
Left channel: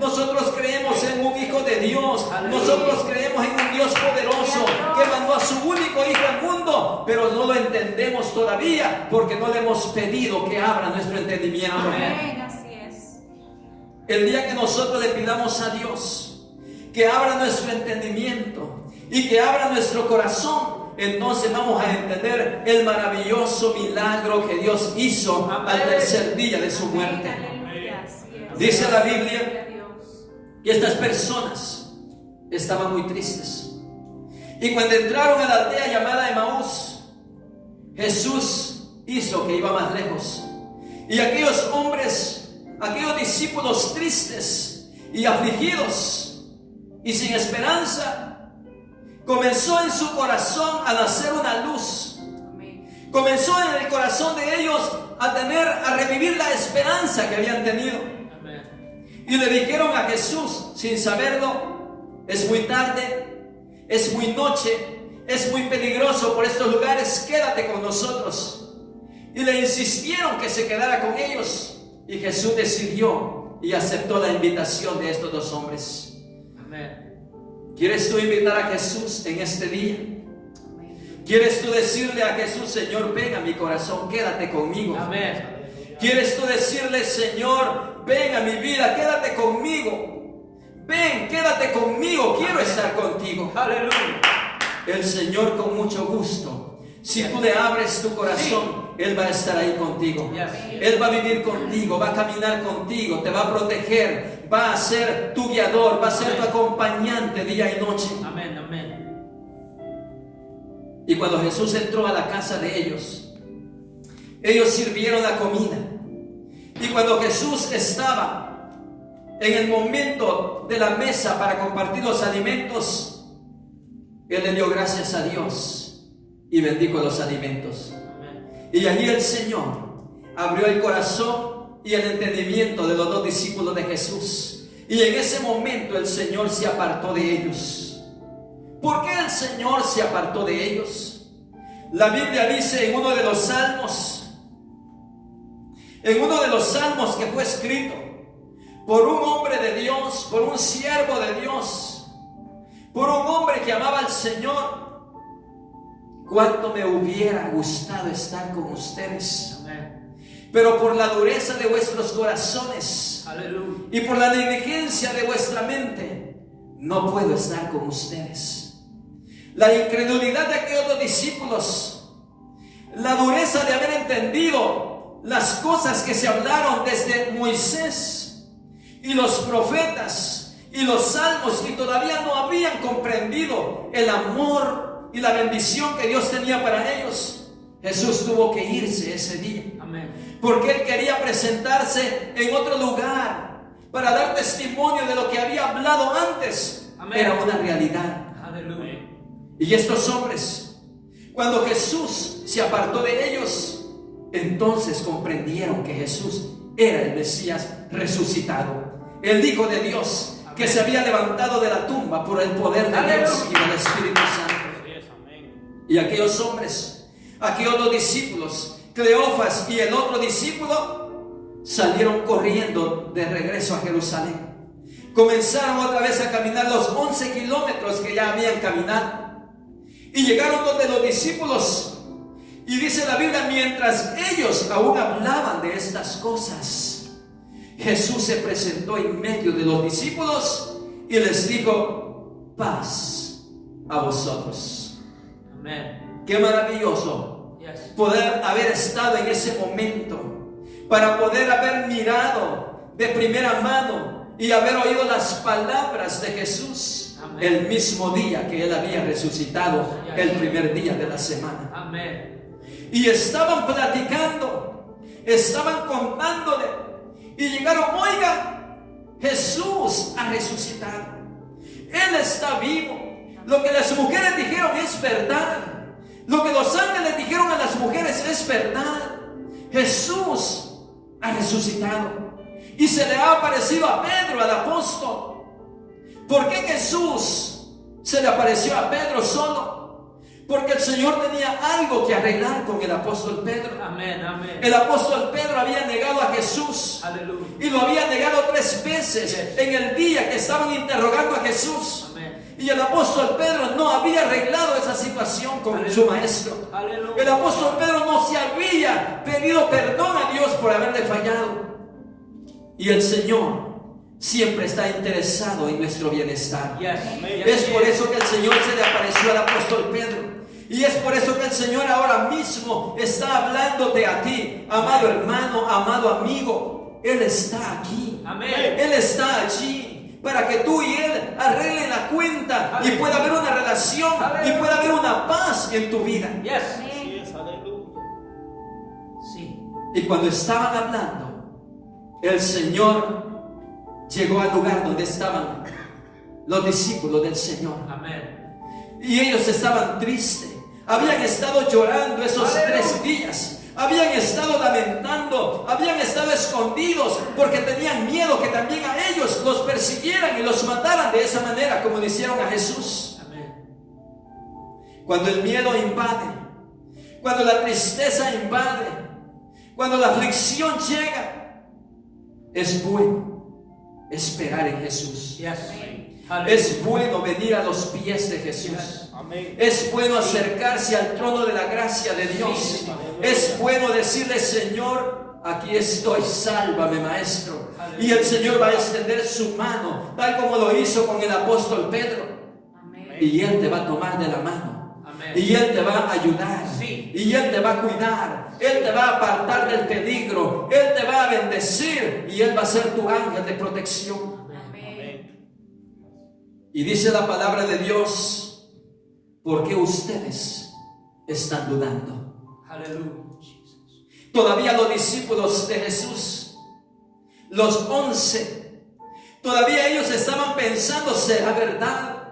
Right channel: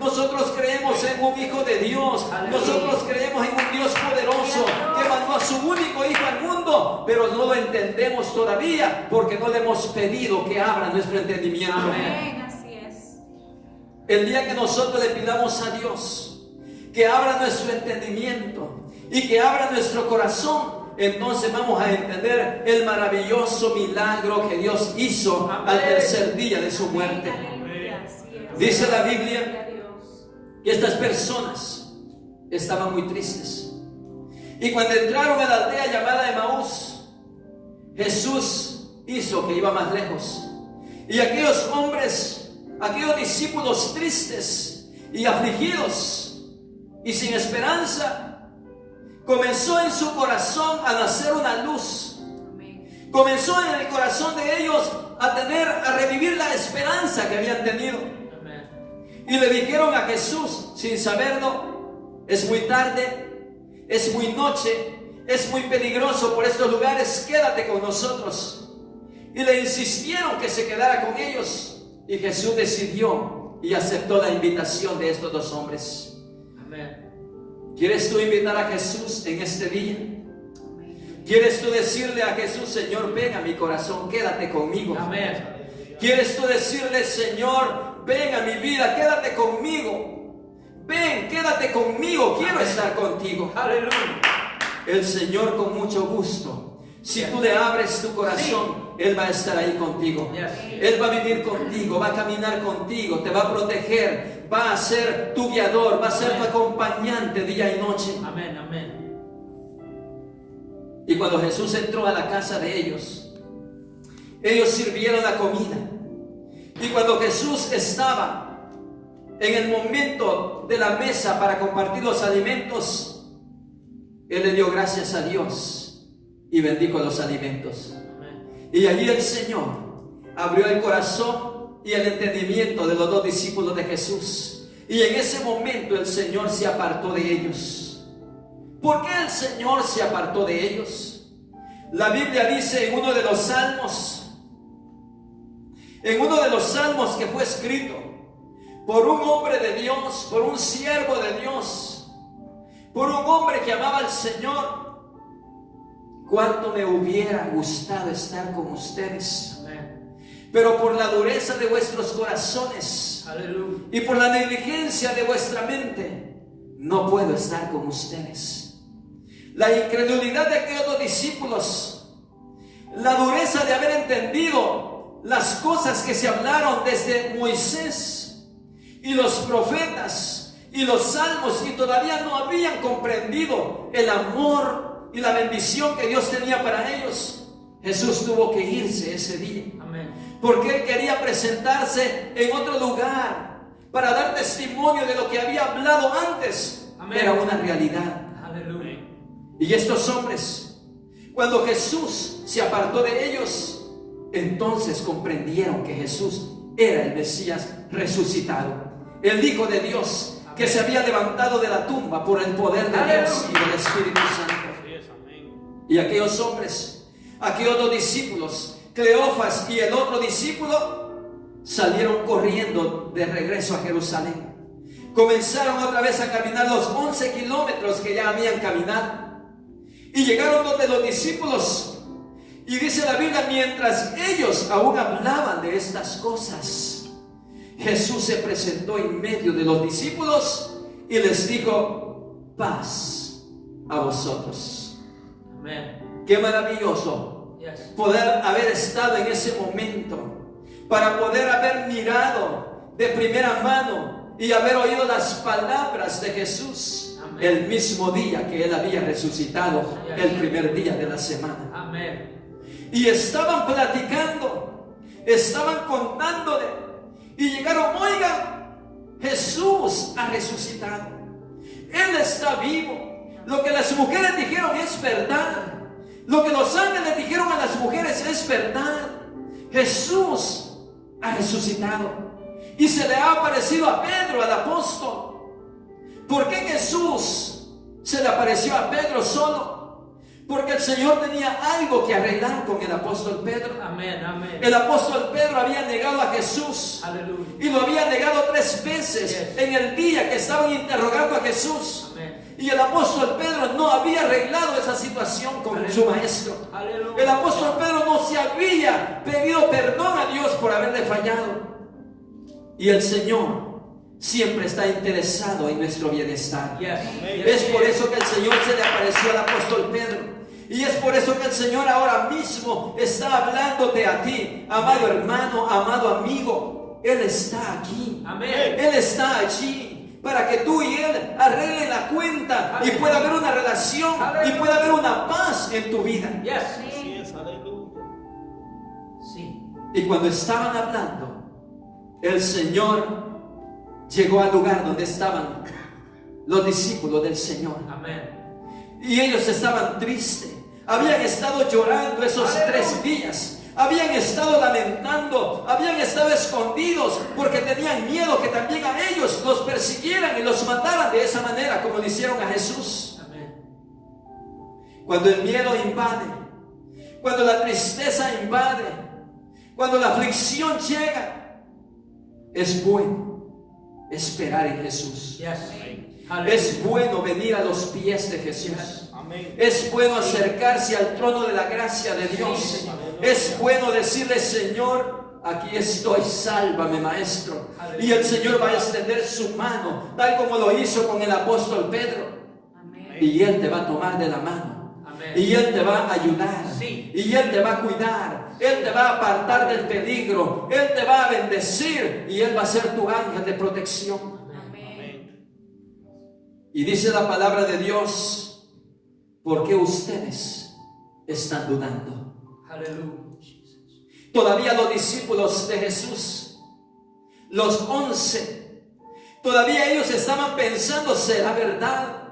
nosotros creemos en un Hijo de Dios, nosotros creemos en un Dios poderoso que mandó a su único Hijo al mundo, pero no lo entendemos todavía porque no le hemos pedido que abra nuestro entendimiento. Amén, así es. El día que nosotros le pidamos a Dios que abra nuestro entendimiento y que abra nuestro corazón, entonces vamos a entender el maravilloso milagro que Dios hizo al tercer día de su muerte. Aleluya, así es. Dice la Gloria a Biblia Dios. que estas personas estaban muy tristes. Y cuando entraron a la aldea llamada Emaús, Jesús hizo que iba más lejos. Y aquellos hombres, aquellos discípulos tristes y afligidos y sin esperanza, comenzó en su corazón a nacer una luz. Amén. Comenzó en el corazón de ellos a revivir la esperanza que habían tenido. Y le dijeron a Jesús, sin saberlo: es muy tarde, es muy noche, es muy peligroso por estos lugares, quédate con nosotros. Y le insistieron que se quedara con ellos, y Jesús decidió y aceptó la invitación de estos dos hombres. Amén. ¿Quieres tú invitar a Jesús en este día? ¿Quieres tú decirle a Jesús: Señor, ven a mi corazón, quédate conmigo? Amén. ¿Quieres tú decirle: Señor, ven a mi vida, quédate conmigo? Ven, quédate conmigo, quiero estar contigo. Aleluya. El Señor, con mucho gusto, si tú le abres tu corazón, Él va a estar ahí contigo. Él va a vivir contigo, va a caminar contigo, te va a proteger, va a ser tu guiador, va a ser tu acompañante día y noche. Amén, amén. Y cuando Jesús entró a la casa de ellos sirvieron la comida. Y cuando Jesús estaba en el momento de la mesa para compartir los alimentos, Él le dio gracias a Dios y bendijo los alimentos. Y allí el Señor abrió el corazón y el entendimiento de los dos discípulos de Jesús. Y en ese momento el Señor se apartó de ellos. ¿Por qué el Señor se apartó de ellos? La Biblia dice en uno de los salmos que fue escrito por un hombre de Dios, por un siervo de Dios, por un hombre que amaba al Señor: cuánto me hubiera gustado estar con ustedes, pero por la dureza de vuestros corazones, Aleluya. y por la negligencia de vuestra mente, no puedo estar con ustedes. La incredulidad de aquellos dos discípulos, la dureza de haber entendido las cosas que se hablaron desde Moisés y los profetas y los salmos, y todavía no habían comprendido el amor y la bendición que Dios tenía para ellos. Jesús tuvo que irse ese día. Amén. Porque Él quería presentarse en otro lugar para dar testimonio de lo que había hablado antes. Amén. Era una realidad. Aleluya. Y estos hombres, cuando Jesús se apartó de ellos, entonces comprendieron que Jesús era el Mesías resucitado, el Hijo de Dios, que se había levantado de la tumba por el poder de Dios y del Espíritu Santo. Y aquellos hombres, aquellos dos discípulos, Cleofas y el otro discípulo, salieron corriendo de regreso a Jerusalén. Comenzaron otra vez a caminar los 11 kilómetros que ya habían caminado, y llegaron donde los discípulos. Y dice la Biblia: mientras ellos aún hablaban de estas cosas, Jesús se presentó en medio de los discípulos y les dijo: paz a vosotros. Amén. Qué maravilloso poder haber estado en ese momento, para poder haber mirado de primera mano y haber oído las palabras de Jesús. Amén. El mismo día que Él había resucitado, el primer día de la semana. Amén. Y estaban platicando estaban contándole y llegaron: oiga, Jesús ha resucitado, Él está vivo. Lo que las mujeres dijeron es verdad. Lo que los ángeles dijeron a las mujeres es verdad. Jesús ha resucitado y se le ha aparecido a Pedro, al apóstol. ¿Por qué Jesús se le apareció a Pedro solo? Porque el Señor tenía algo que arreglar con el apóstol Pedro. Amén, amén. El apóstol Pedro había negado a Jesús. Aleluya. Y lo había negado 3 veces Yes. en el día que estaban interrogando a Jesús. Amén. Y el apóstol Pedro no había arreglado esa situación con Aleluya. su maestro. Aleluya. El apóstol Pedro no se había pedido perdón a Dios por haberle fallado. Y el Señor siempre está interesado en nuestro bienestar. Yes. Es por eso que el Señor se le apareció al apóstol Pedro. Y es por eso que el Señor ahora mismo está hablándote a ti, amado hermano, amado amigo. Él está aquí. Amén. Él está allí para que tú y Él arreglen la cuenta y pueda haber una relación y pueda haber una paz en tu vida. Yes. Así es, aleluya. Sí. Y cuando estaban hablando, el Señor llegó al lugar donde estaban los discípulos del Señor. Amén. Y ellos estaban tristes. Habían estado llorando esos 3 días. Habían estado lamentando. Habían estado escondidos porque tenían miedo que también a ellos los persiguieran y los mataran de esa manera como lo hicieron a Jesús. Amén. Cuando el miedo invade, cuando la tristeza invade, cuando la aflicción llega, es bueno esperar en Jesús. Yes. Es bueno venir a los pies de Jesús. Es bueno acercarse al trono de la gracia de Dios. Es bueno decirle: Señor, aquí estoy, sálvame, maestro. Y el Señor va a extender su mano, tal como lo hizo con el apóstol Pedro. amén. Y Él te va a tomar de la mano. Amén. Y Él te va a ayudar. Sí. Y Él te va a cuidar. Él te va a apartar del peligro. Él te va a bendecir. Y Él va a ser tu ángel de protección. Amén. Y dice la palabra de Dios: ¿por qué ustedes están dudando? Aleluya. Todavía los discípulos de Jesús, los 11, todavía ellos estaban pensando: ¿será verdad?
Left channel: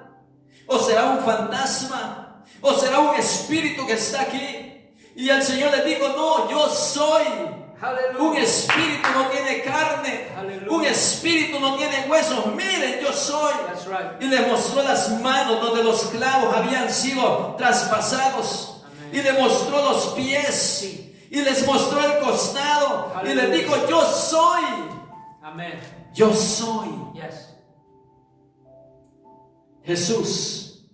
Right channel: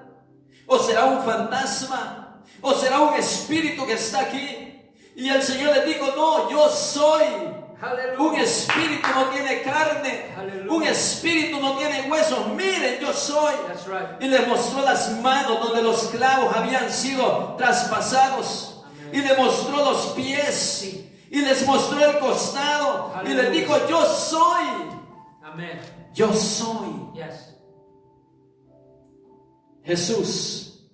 ¿O será un fantasma? ¿O será un espíritu que está aquí? Y el Señor les dijo: no, yo soy. Aleluya. Un espíritu no tiene carne. Aleluya. Un espíritu no tiene huesos. Miren, yo soy. That's right. Y le mostró las manos donde los clavos habían sido traspasados. Amén. Y le mostró los pies. Y les mostró el costado. Y les dijo: yo soy. Amén. Yo soy. Yes. Jesús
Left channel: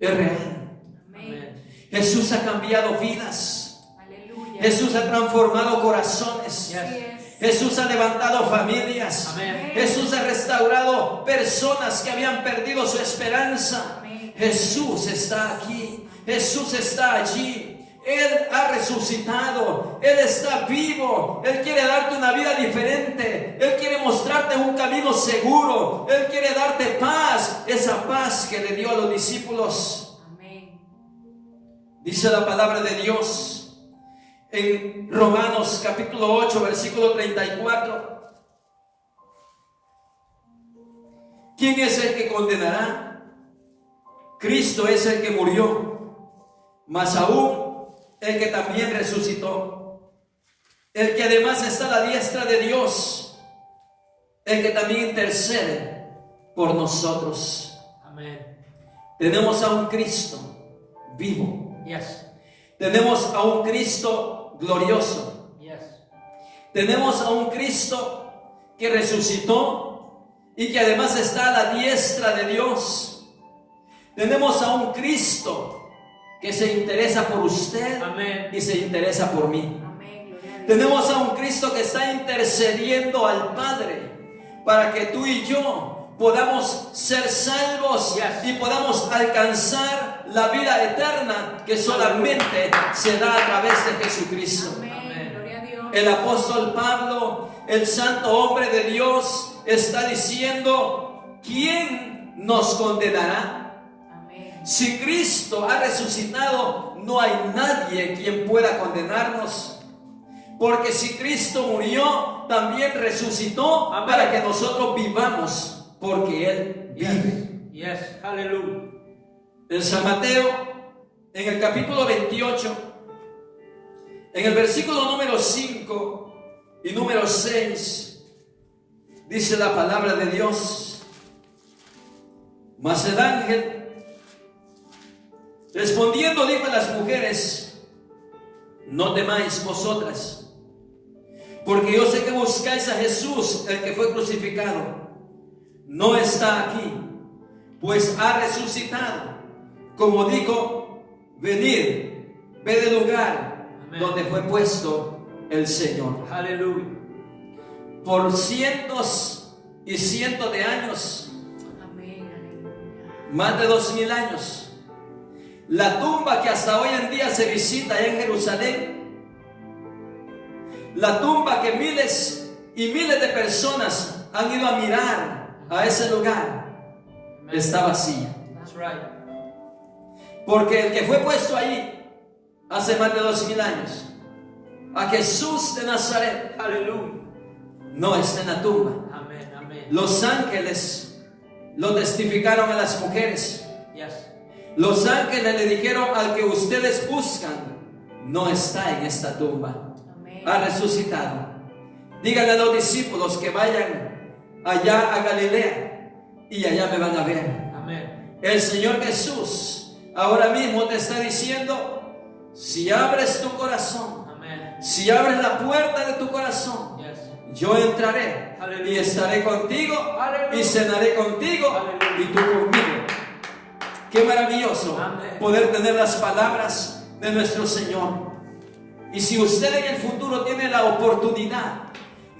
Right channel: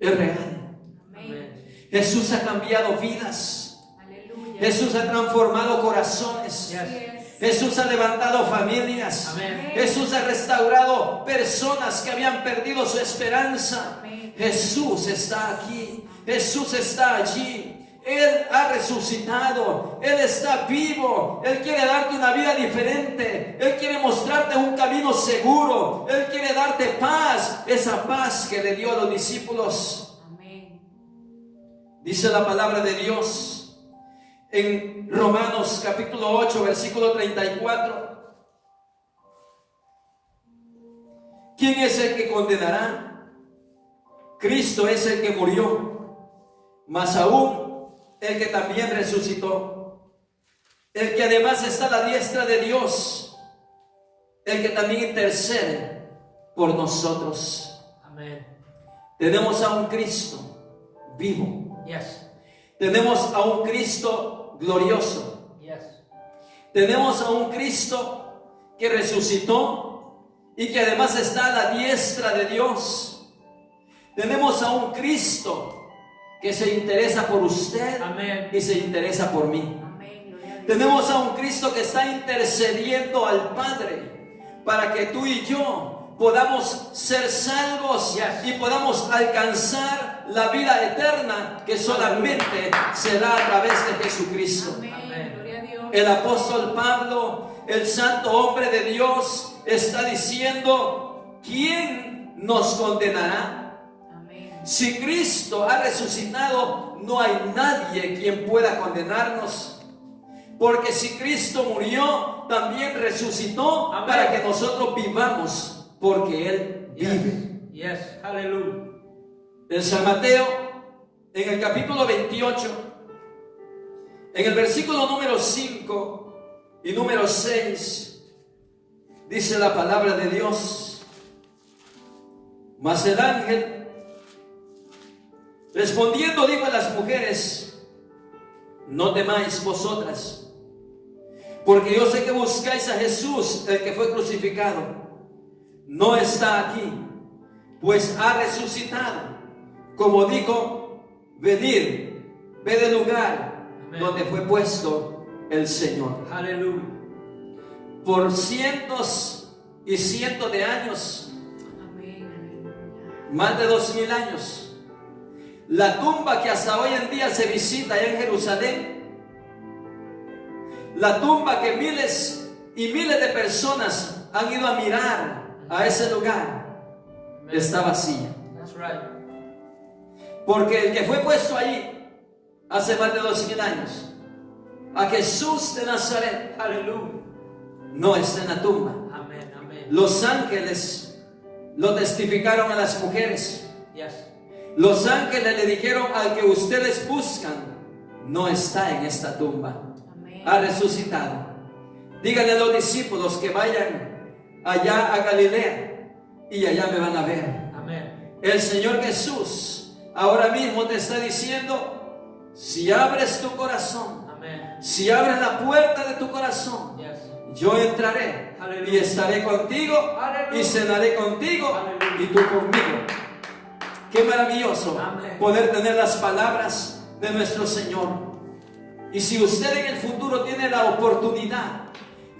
es real. Amén. Jesús ha cambiado vidas. Aleluya. Jesús ha transformado corazones. Yes. Así es. Jesús ha levantado familias. Amén. Jesús ha restaurado personas que habían perdido su esperanza. Amén. Jesús está aquí. Jesús está allí. Él ha resucitado. Él está vivo. Él quiere darte una vida diferente. Él quiere mostrarte un camino seguro. Él quiere darte paz. Esa paz que le dio a los discípulos. Amén. Dice la palabra de Dios en Romanos capítulo 8, versículo 34. ¿Quién es el que condenará? Cristo es el que murió, mas aún el que también resucitó, el que además está a la diestra de Dios, el que también intercede por nosotros. Amén. Tenemos a un Cristo vivo. Yes. Tenemos a un Cristo glorioso. Yes. Tenemos a un Cristo que resucitó y que además está a la diestra de Dios. Tenemos a un Cristo que se interesa por usted. Amén. Y se interesa por mí. Amén. Gloria a Dios. Tenemos a un Cristo que está intercediendo al Padre para que tú y yo podamos ser salvos. Yes. Y podamos alcanzar la vida eterna que solamente se da a través de Jesucristo. Amén. Amén. Gloria a Dios. El apóstol Pablo, el santo hombre de Dios, está diciendo: ¿quién nos condenará? Amén. Si Cristo ha resucitado, no hay nadie quien pueda condenarnos. Porque si Cristo murió, también resucitó Amén. para que nosotros vivamos, porque Él vive. Yes. Hallelujah. En San Mateo, en el capítulo 28, en el versículo número 5 y número 6, dice la palabra de Dios: mas el ángel respondiendo dijo a las mujeres: no temáis vosotras, porque yo sé que buscáis a Jesús, el que fue crucificado. No está aquí, pues ha resucitado, como dijo. Venid, ved el lugar Amén. donde fue puesto el Señor. Hallelujah. Por cientos y cientos de años, Amén. Aleluya. más de 2000 años, la tumba que hasta hoy en día se visita allá en Jerusalén, la tumba que miles y miles de personas han ido a mirar a ese lugar, está vacía. That's right. Porque el que fue puesto allí hace más de 2000 años, a Jesús de Nazaret, Hallelujah. no está en la tumba. Amén. Amén. Los ángeles lo testificaron a las mujeres. Yes. Los ángeles le dijeron: al que ustedes buscan no está en esta tumba, Amén. ha resucitado. Díganle a los discípulos que vayan allá a Galilea y allá me van a ver. Amén. El Señor Jesús ahora mismo te está diciendo: si abres tu corazón, Amén. si abres la puerta de tu corazón, Yes. yo entraré Aleluya. y estaré contigo Aleluya. y cenaré contigo Aleluya. y tú conmigo. Qué maravilloso Amén. poder tener las palabras de nuestro Señor. Y si usted en el futuro tiene la oportunidad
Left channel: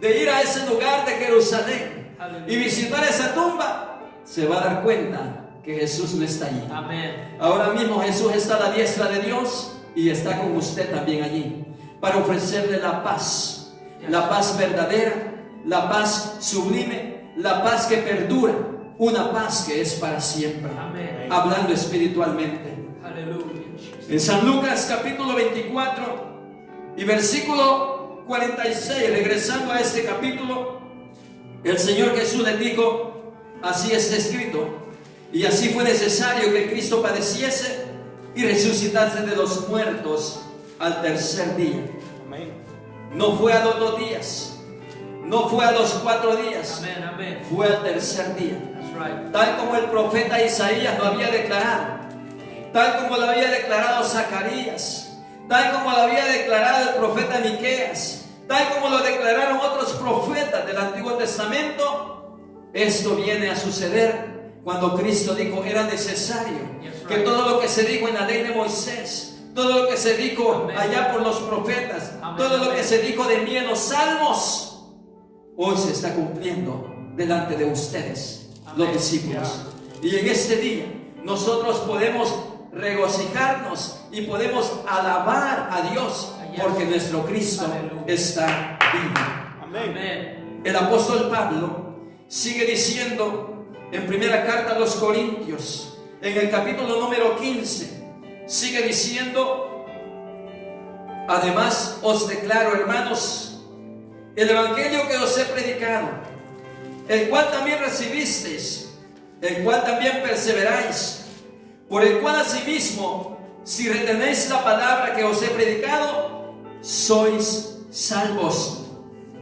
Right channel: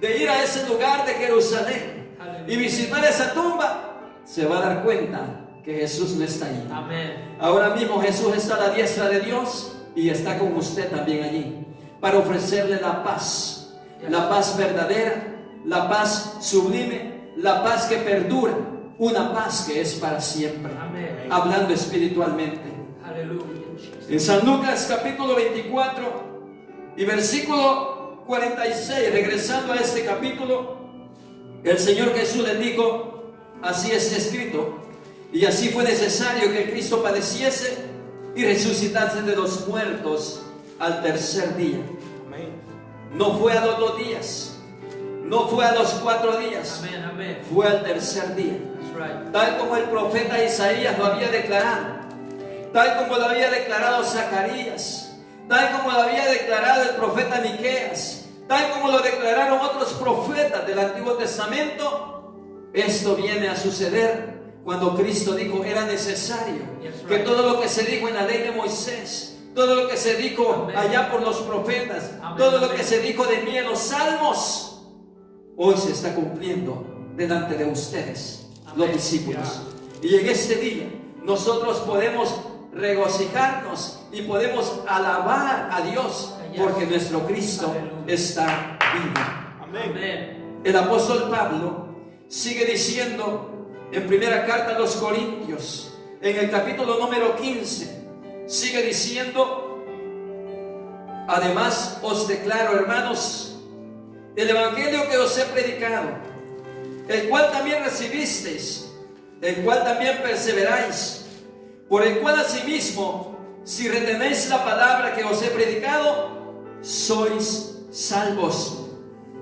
de ir a ese lugar de Jerusalén Aleluya. y visitar esa tumba, se va a dar cuenta que Jesús no está allí. Amén. Ahora mismo Jesús está a la diestra de Dios y está con usted también allí para ofrecerle la paz verdadera, la paz sublime, la paz que perdura, una paz que es para siempre. Amén. Hablando espiritualmente. Aleluya. En San Lucas capítulo 24 y versículo 46, regresando a este capítulo, el Señor Jesús les dijo: así está escrito, y así fue necesario que Cristo padeciese y resucitase de los muertos al tercer día. Amén. No fue a los 2 días, no fue a los 4 días, Amén. Amén. fue al tercer día. That's right. Tal como el profeta Isaías lo había declarado, tal como lo había declarado Zacarías, tal como lo había declarado el profeta Miqueas, tal como lo declararon otros profetas del Antiguo Testamento. Esto viene a suceder cuando Cristo dijo: era necesario que todo lo que se dijo en la ley de Moisés, todo lo que se dijo Amén. allá por los profetas, Amén, todo lo amén. que se dijo de mí en los salmos, hoy se está cumpliendo delante de ustedes, Amén. los discípulos. Y en este día nosotros podemos regocijarnos y podemos alabar a Dios, Yes. porque nuestro Cristo Aleluya. está vivo. Amén. El apóstol Pablo sigue diciendo en primera carta a los Corintios, en el capítulo número 15, sigue diciendo: además os declaro, hermanos, el evangelio que os he predicado, el cual también recibisteis, el cual también perseveráis, por el cual asimismo, si retenéis la palabra que os he predicado, sois salvos,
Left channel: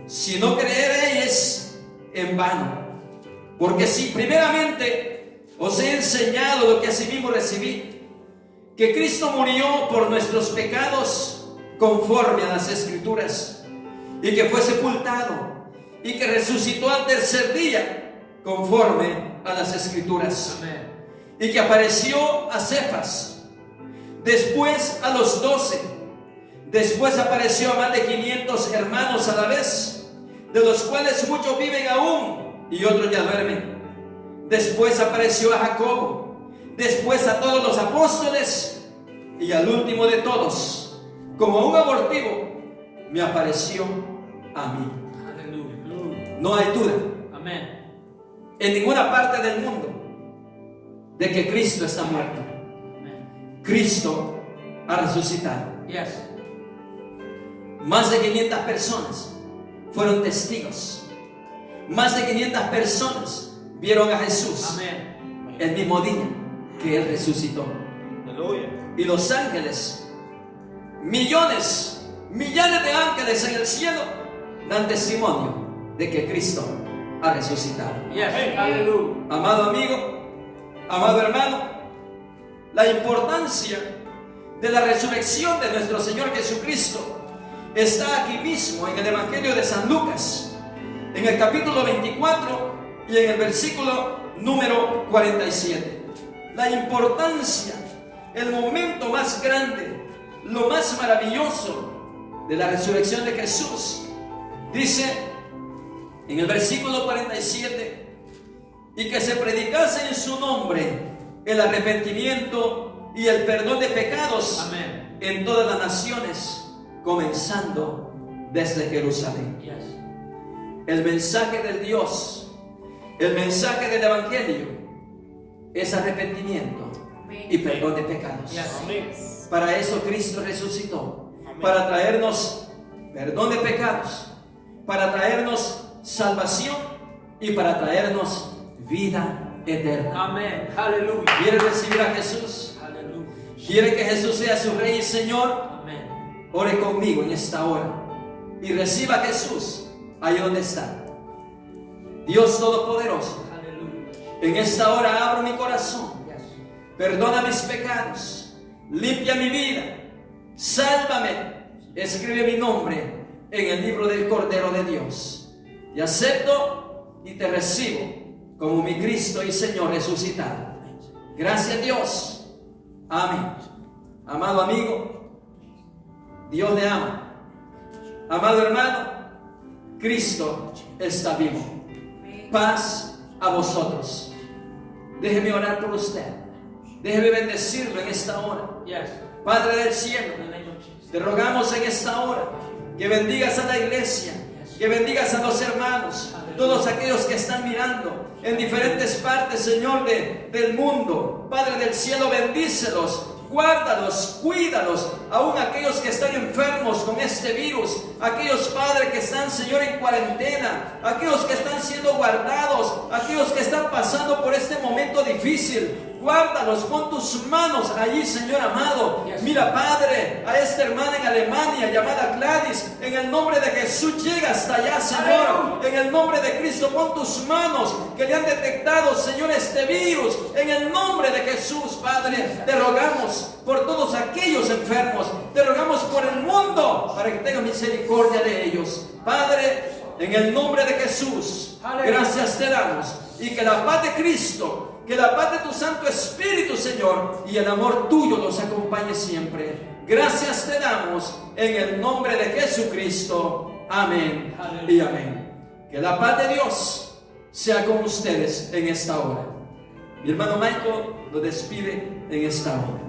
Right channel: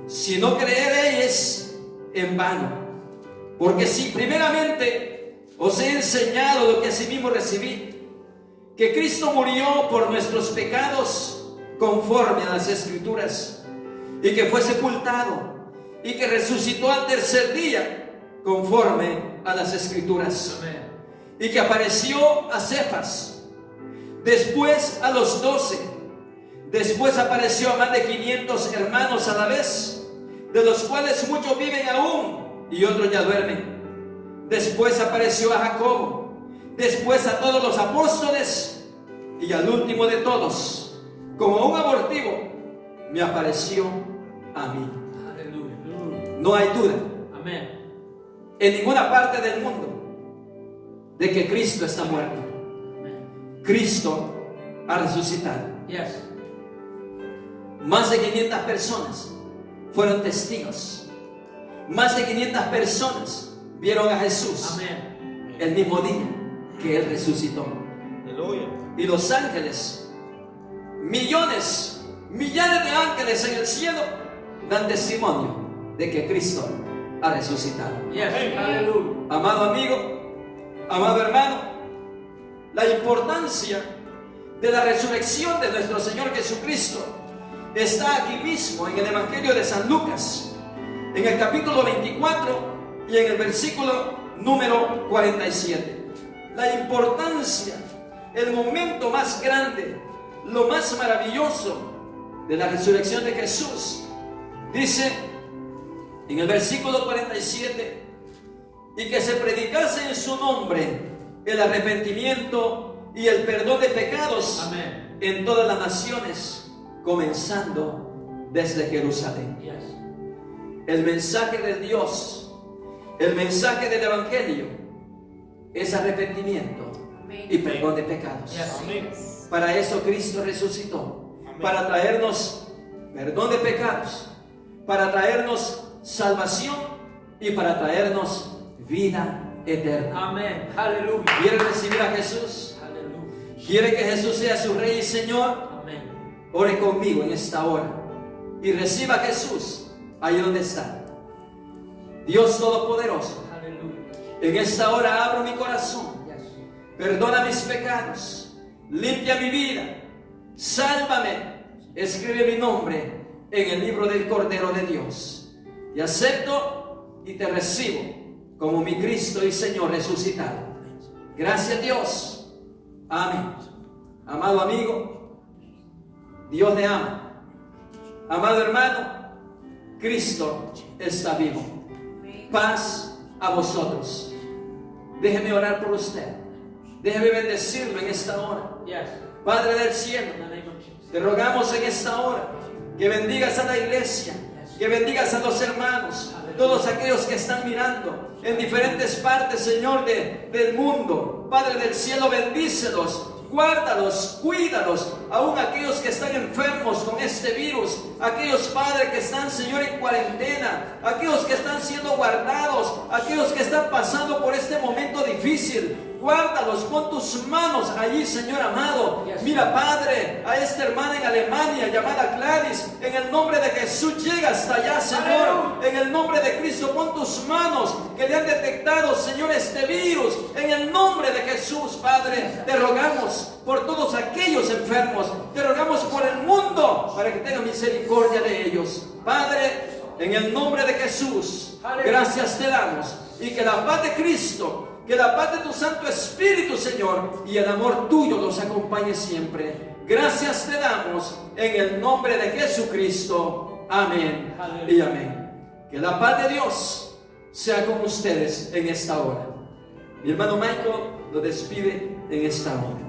si no creeréis en vano. Porque si primeramente os he enseñado lo que asimismo recibí, que Cristo murió por nuestros pecados conforme a las Escrituras, y que fue sepultado, y que resucitó al tercer día conforme a las Escrituras, Amén. y que apareció a Cefas, después a los 12, después apareció a más de 500 hermanos a la vez, de los cuales muchos viven aún y otros ya duermen. Después apareció a Jacobo, después a todos los apóstoles, y al último de todos, como un abortivo, me apareció a mí. Aleluya. No hay duda Amén. en ninguna parte del mundo de que Cristo está muerto. Amén. Cristo ha resucitado. Yes. Más de 500 personas fueron testigos. Más de 500 personas vieron a Jesús Amén. el mismo día que Él resucitó. Aleluya. Y los ángeles, millones, millares de ángeles en el cielo, dan testimonio de que Cristo ha resucitado. Yes. Aleluya. Amado amigo, amado hermano, la importancia de la resurrección de nuestro Señor Jesucristo está aquí mismo en el Evangelio de San Lucas, en el capítulo 24 y en el versículo número 47. La importancia, el momento más grande, lo más maravilloso de la resurrección de Jesús. Dice en el versículo 47: y que se predicase en su nombre el arrepentimiento y el perdón de pecados. Amén. En todas las naciones, comenzando desde Jerusalén. Yes. El mensaje de Dios, el mensaje del Evangelio es arrepentimiento y perdón de pecados. Yes. Amén. Para eso Cristo resucitó. Amén. Para traernos perdón de pecados, para traernos salvación y para traernos vida eterna. Amén. Aleluya. ¿Quiere recibir a Jesús? Aleluya. ¿Quiere que Jesús sea su Rey y Señor? Amén. Ore conmigo en esta hora y reciba a Jesús ahí donde está. Dios Todopoderoso, Aleluya. en esta hora abro mi corazón. Yes. Perdona mis pecados, limpia mi vida, sálvame, escribe mi nombre en el libro del Cordero de Dios. Y acepto y te recibo como mi Cristo y Señor resucitado. Gracias, Dios. Amén. Amado amigo, Dios le ama. Amado hermano, Cristo está vivo. Paz a vosotros. Déjeme orar por usted. Déjeme bendecirlo en esta hora. Yes. Padre del cielo, In the name of Jesus. te rogamos en esta hora que bendigas a la iglesia, que bendigas a los hermanos, todos aquellos que están mirando en diferentes partes, Señor, del mundo. Padre del cielo, bendícelos, guárdalos, cuídalos, aún aquellos que están enfermos con este virus, aquellos padres que están, Señor, en cuarentena, aquellos que están siendo guardados, aquellos que están pasando por este momento difícil. Guárdalos, pon tus manos allí, Señor amado. Mira, Padre, a esta hermana en Alemania llamada Gladys, en el nombre de Jesús, llega hasta allá, Señor. En el nombre de Cristo, pon tus manos que le han detectado, Señor, este virus. En el nombre de Jesús, Padre, te rogamos por todos aquellos enfermos. Te rogamos por el mundo para que tenga misericordia de ellos. Padre, en el nombre de Jesús, gracias te damos. Y que la paz de Cristo, que la paz de tu Santo Espíritu, Señor, y el amor tuyo los acompañe siempre. Gracias te damos en el nombre de Jesucristo. Amén y amén. Que la paz de Dios sea con ustedes en esta hora. Mi hermano Michael lo despide en esta hora.